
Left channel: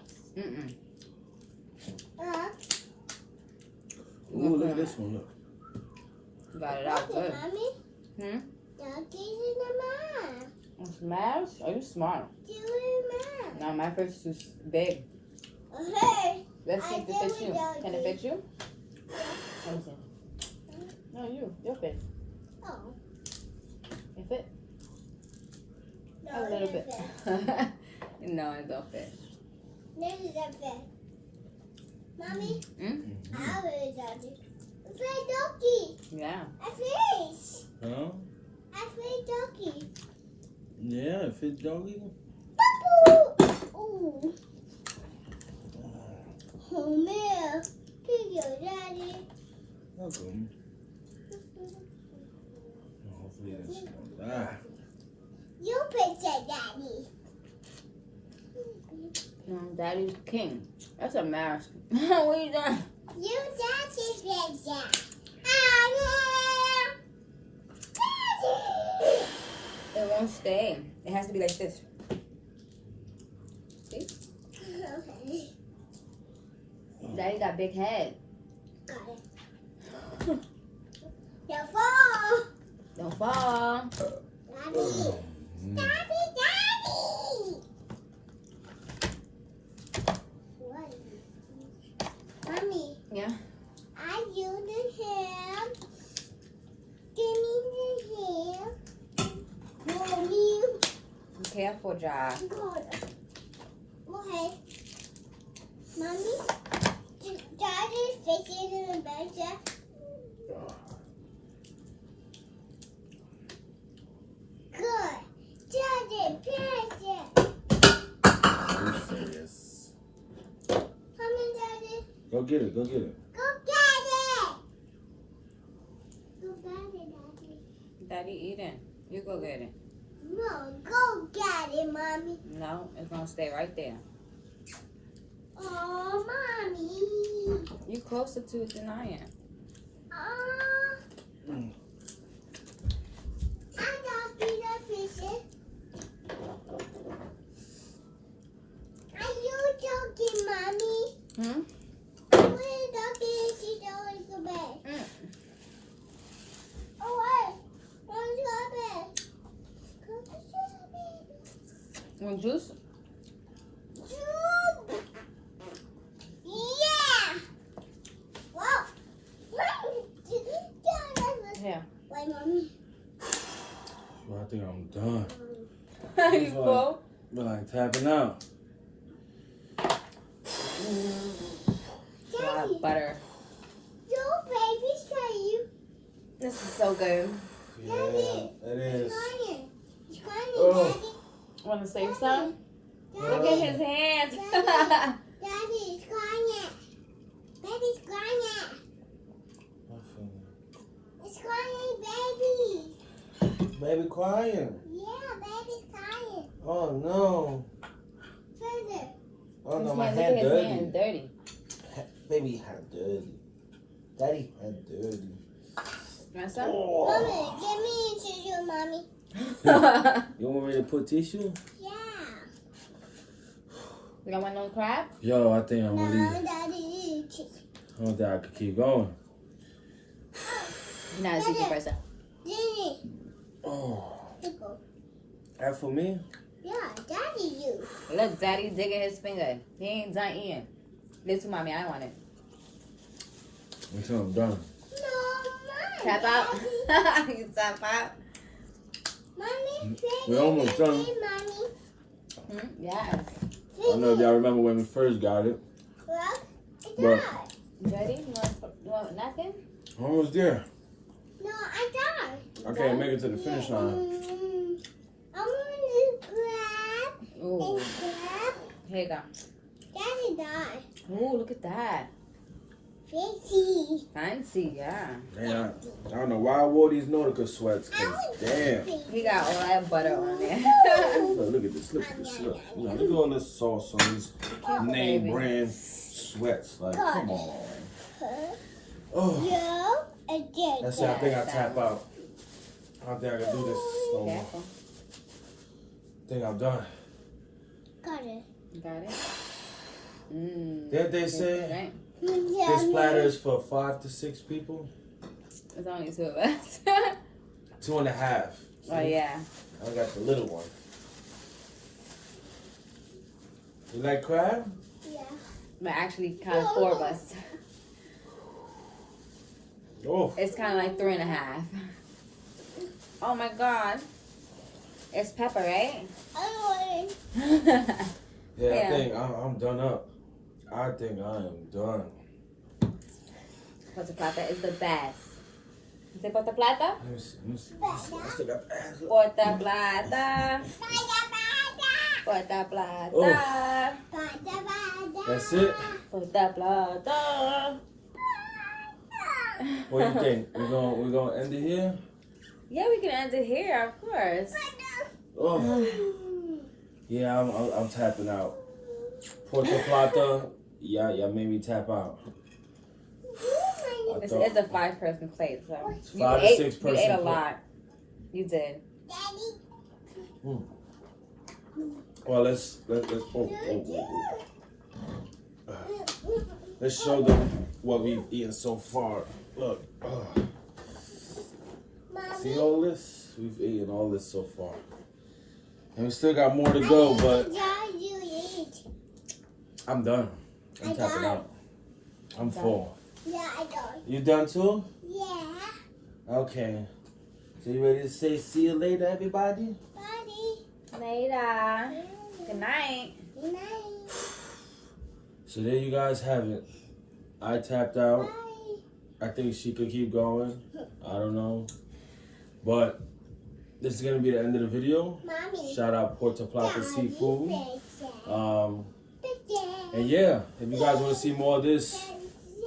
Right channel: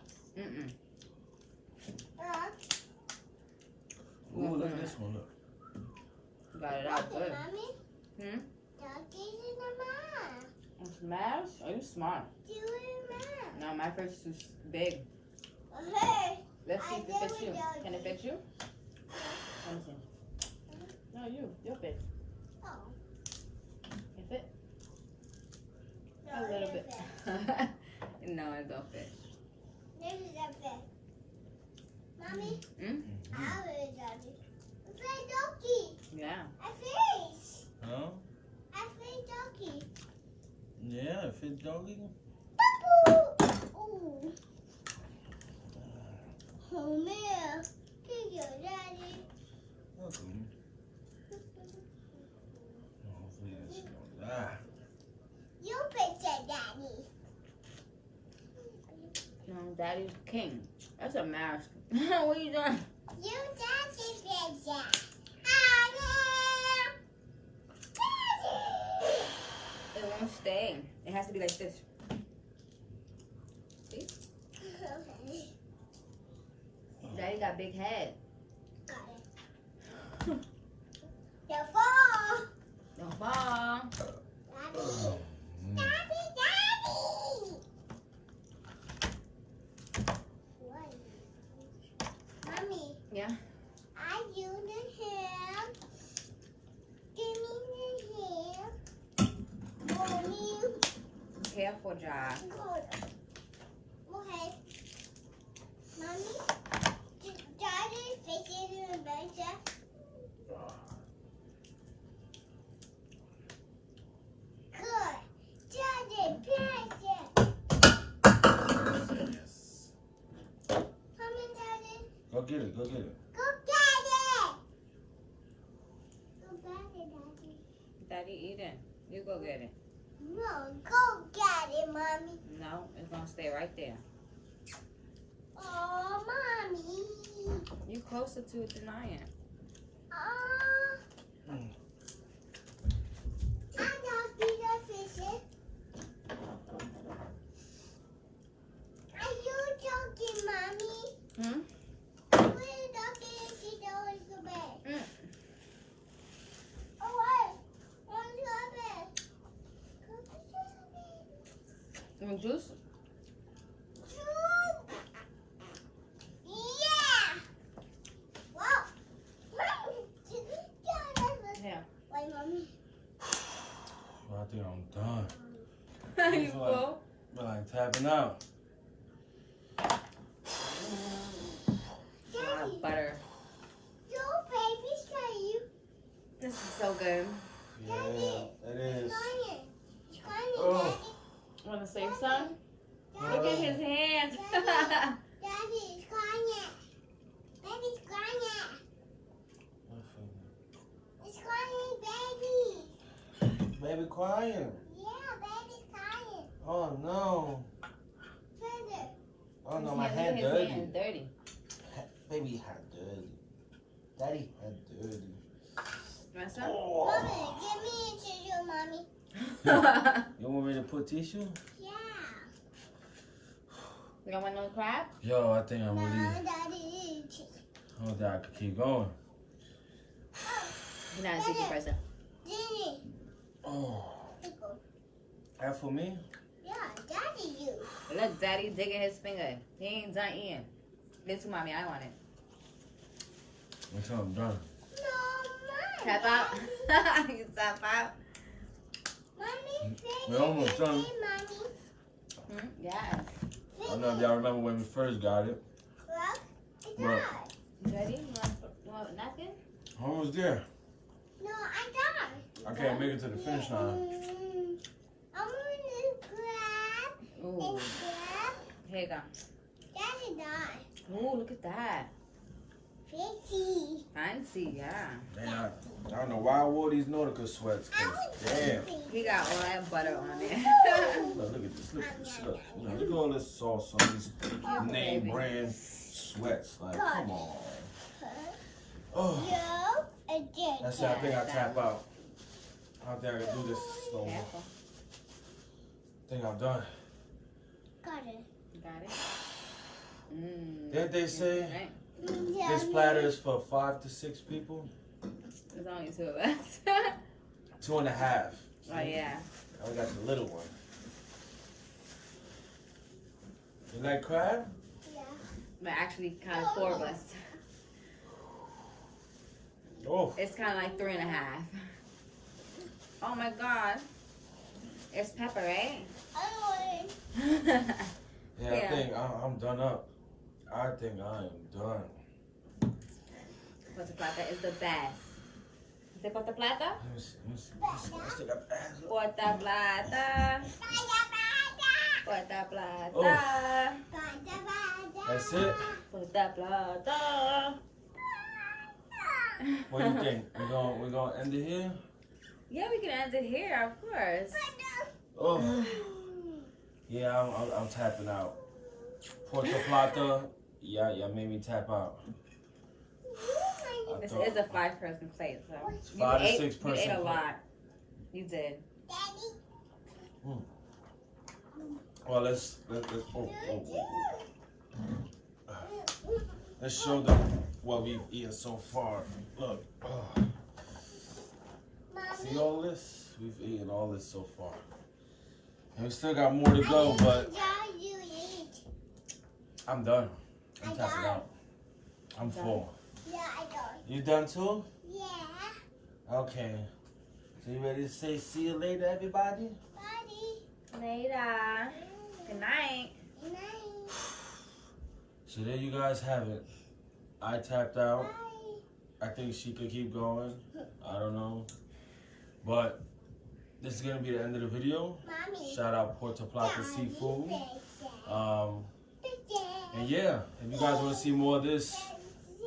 Ooh, look at this one. Look. You got it out Look good. at mommy. Doggy's in the mouth. Smash? Oh, you smart. Do it, No, my face is big. Hey. Let's see if it fits you. doggy. Can it fit you? Let me see. No, you'll fit. Oh. You fit? No, A little bit. No, it don't fit. This is a bed. Mommy, Mm? I will doggy. I feel doggy. Yeah. I fish. Huh? I feel doggy. Yeah, it fit doggy. Ooh. Oh man. Thank you, Daddy. Welcome. Hopefully that's not. You picture Daddy. Daddy's king. That's a mask. What are you doing? You Daddy picture. Ah, yeah. It won't stay. It has to be like this. Daddy. Okay. Daddy got big head. Got it. Don't fall. Don't fall. Daddy. Daddy, Daddy. What is this? Mommy. Yeah. I use the hair. Give me the hair. Mommy. Be careful, Josh. God. Okay. Mommy. Daddy's fishing in the bed. Good. Daddy, picture. Yes. Come on, Daddy. Go get it. Go get it. Go get it. Go get it, Daddy. Daddy eating. You go get it. No, go get it, Mommy. No, it's gonna stay right there. Oh, Mommy. You closer to it than I am. I'm talking to fishing. Are you talking, Mommy? Hmm? Are you talking? She's going to bed. Oh, wait. Going to bed. Go to bed. Want juice? Yeah. Wow. Yeah. Wait, Mommy. Well, I think I'm done. You full? But like tapping out. Daddy, Butter. your baby's crying. This is so good. Yeah, Daddy. it is. Crying. He's crying, Oh. Daddy. Want to save some? Daddy. Look at his hands. Daddy's crying. Baby's crying. It's crying, baby. Baby crying. Yeah, baby's crying. Oh no. Further. Oh no, His my hands, hand look at his dirty. hand dirty. Baby hand dirty. Daddy hand dirty. Want some? Oh. Mommy, give me a tissue, Mommy. You want me to put tissue? Yeah. You don't want no crab? Yo, I think I'm gonna No, leave. Daddy, eat tissue. I don't think I could keep going. Now it's easy first. Jenny. Oh. Pickle. That for me? Yeah, Daddy, you. Look, Daddy digging his finger. He ain't done eating. This is mommy. I want it. Until I'm done. No, Mommy. Tap out. Daddy. You tap out. Mommy, We're almost done. Mommy. Yes. I don't know if y'all remember when we first got it. Look, it's But- done. Ready? You want a napkin? Almost there. No, I died. I can't make it to the finish line. I'm going to grab Ooh. and grab. Here you go. Daddy died. Ooh, look at that. Fancy. Fancy, yeah. Man, I don't know why I wore these Nautica sweats, cause damn. He got all that butter on there. Look at this, look at this, look. You know, look at all this sauce on these name brand sweats. Like, come on. Oh, You again. that's it. I think I tap out. I don't think I can do this no more. Careful. I think I'm done. Got it. You got it? Mmm. Didn't they say Right. this platter is for 5 to 6 people? There's only 2 of us. 2.5. Oh, yeah. I got the little one. You like crab? Yeah. But actually, kind of 4 of us. Oh. It's kind of like 3.5. Oh my God. It's pepper, right? I Yeah, Yeah. I think I'm done up. I think I am done. Puerto Plata is the best. ¿Is it Puerto Plata? Let me see. Let me see. I still got the ass up. Puerto Plata. Puerto Plata. Oh. That's it. Puerto Plata. What do you think? We're gonna end it here? Yeah, we can end it here, of course. Oh. Yeah, I'm tapping out. Puerto Plata. Yeah, made me tap out. It's a 5-person plate, so It's 5 to 6 person You ate a plate. lot. You did. Well, let's let's show them what we've eaten so far. Look, see all this? We've eaten all this so far, and we still got more to go. But I'm done. I'm tapping out. I'm full. Yeah, I don't. You done too? Yeah. Okay. So you ready to say see you later, everybody? Buddy. Later. Good night. Good night. So there you guys have it. I tapped out. Bye. I think she could keep going. I don't know. But this is going to be the end of the video. Mommy. Shout out Puerto Plata Daddy, Seafood. Daddy. And yeah, if you guys want to see more of this,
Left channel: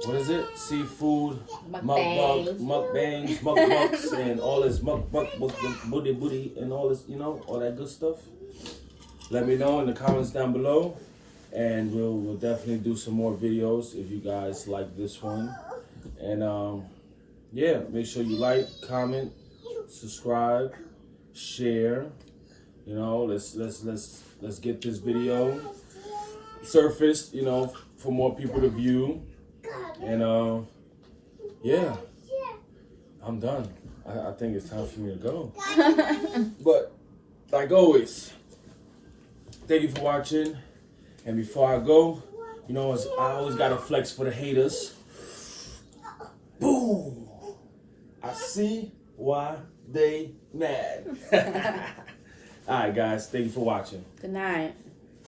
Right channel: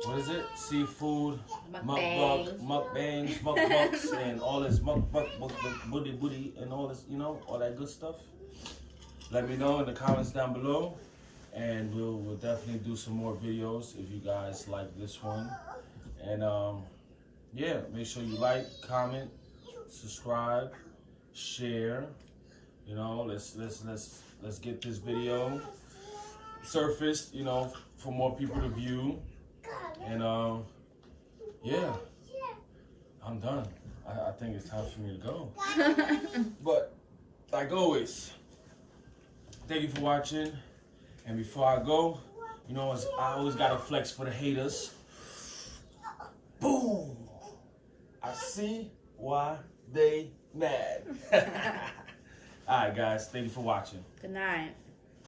what is it? Seafood, mukbangs, mukbangs, and all this booty, and all this, you know, all that good stuff. Let me know in the comments down below, and we'll definitely do some more videos if you guys like this one. And yeah, make sure you like, comment, subscribe, share. You know, let's get this video surfaced, you know, for more people to view. And yeah, I'm done. I think it's time for me to go. But like always, thank you for watching. And before I go, you know, I always gotta flex for the haters. Boom! I see why they mad. All right, guys, thank you for watching. Good night.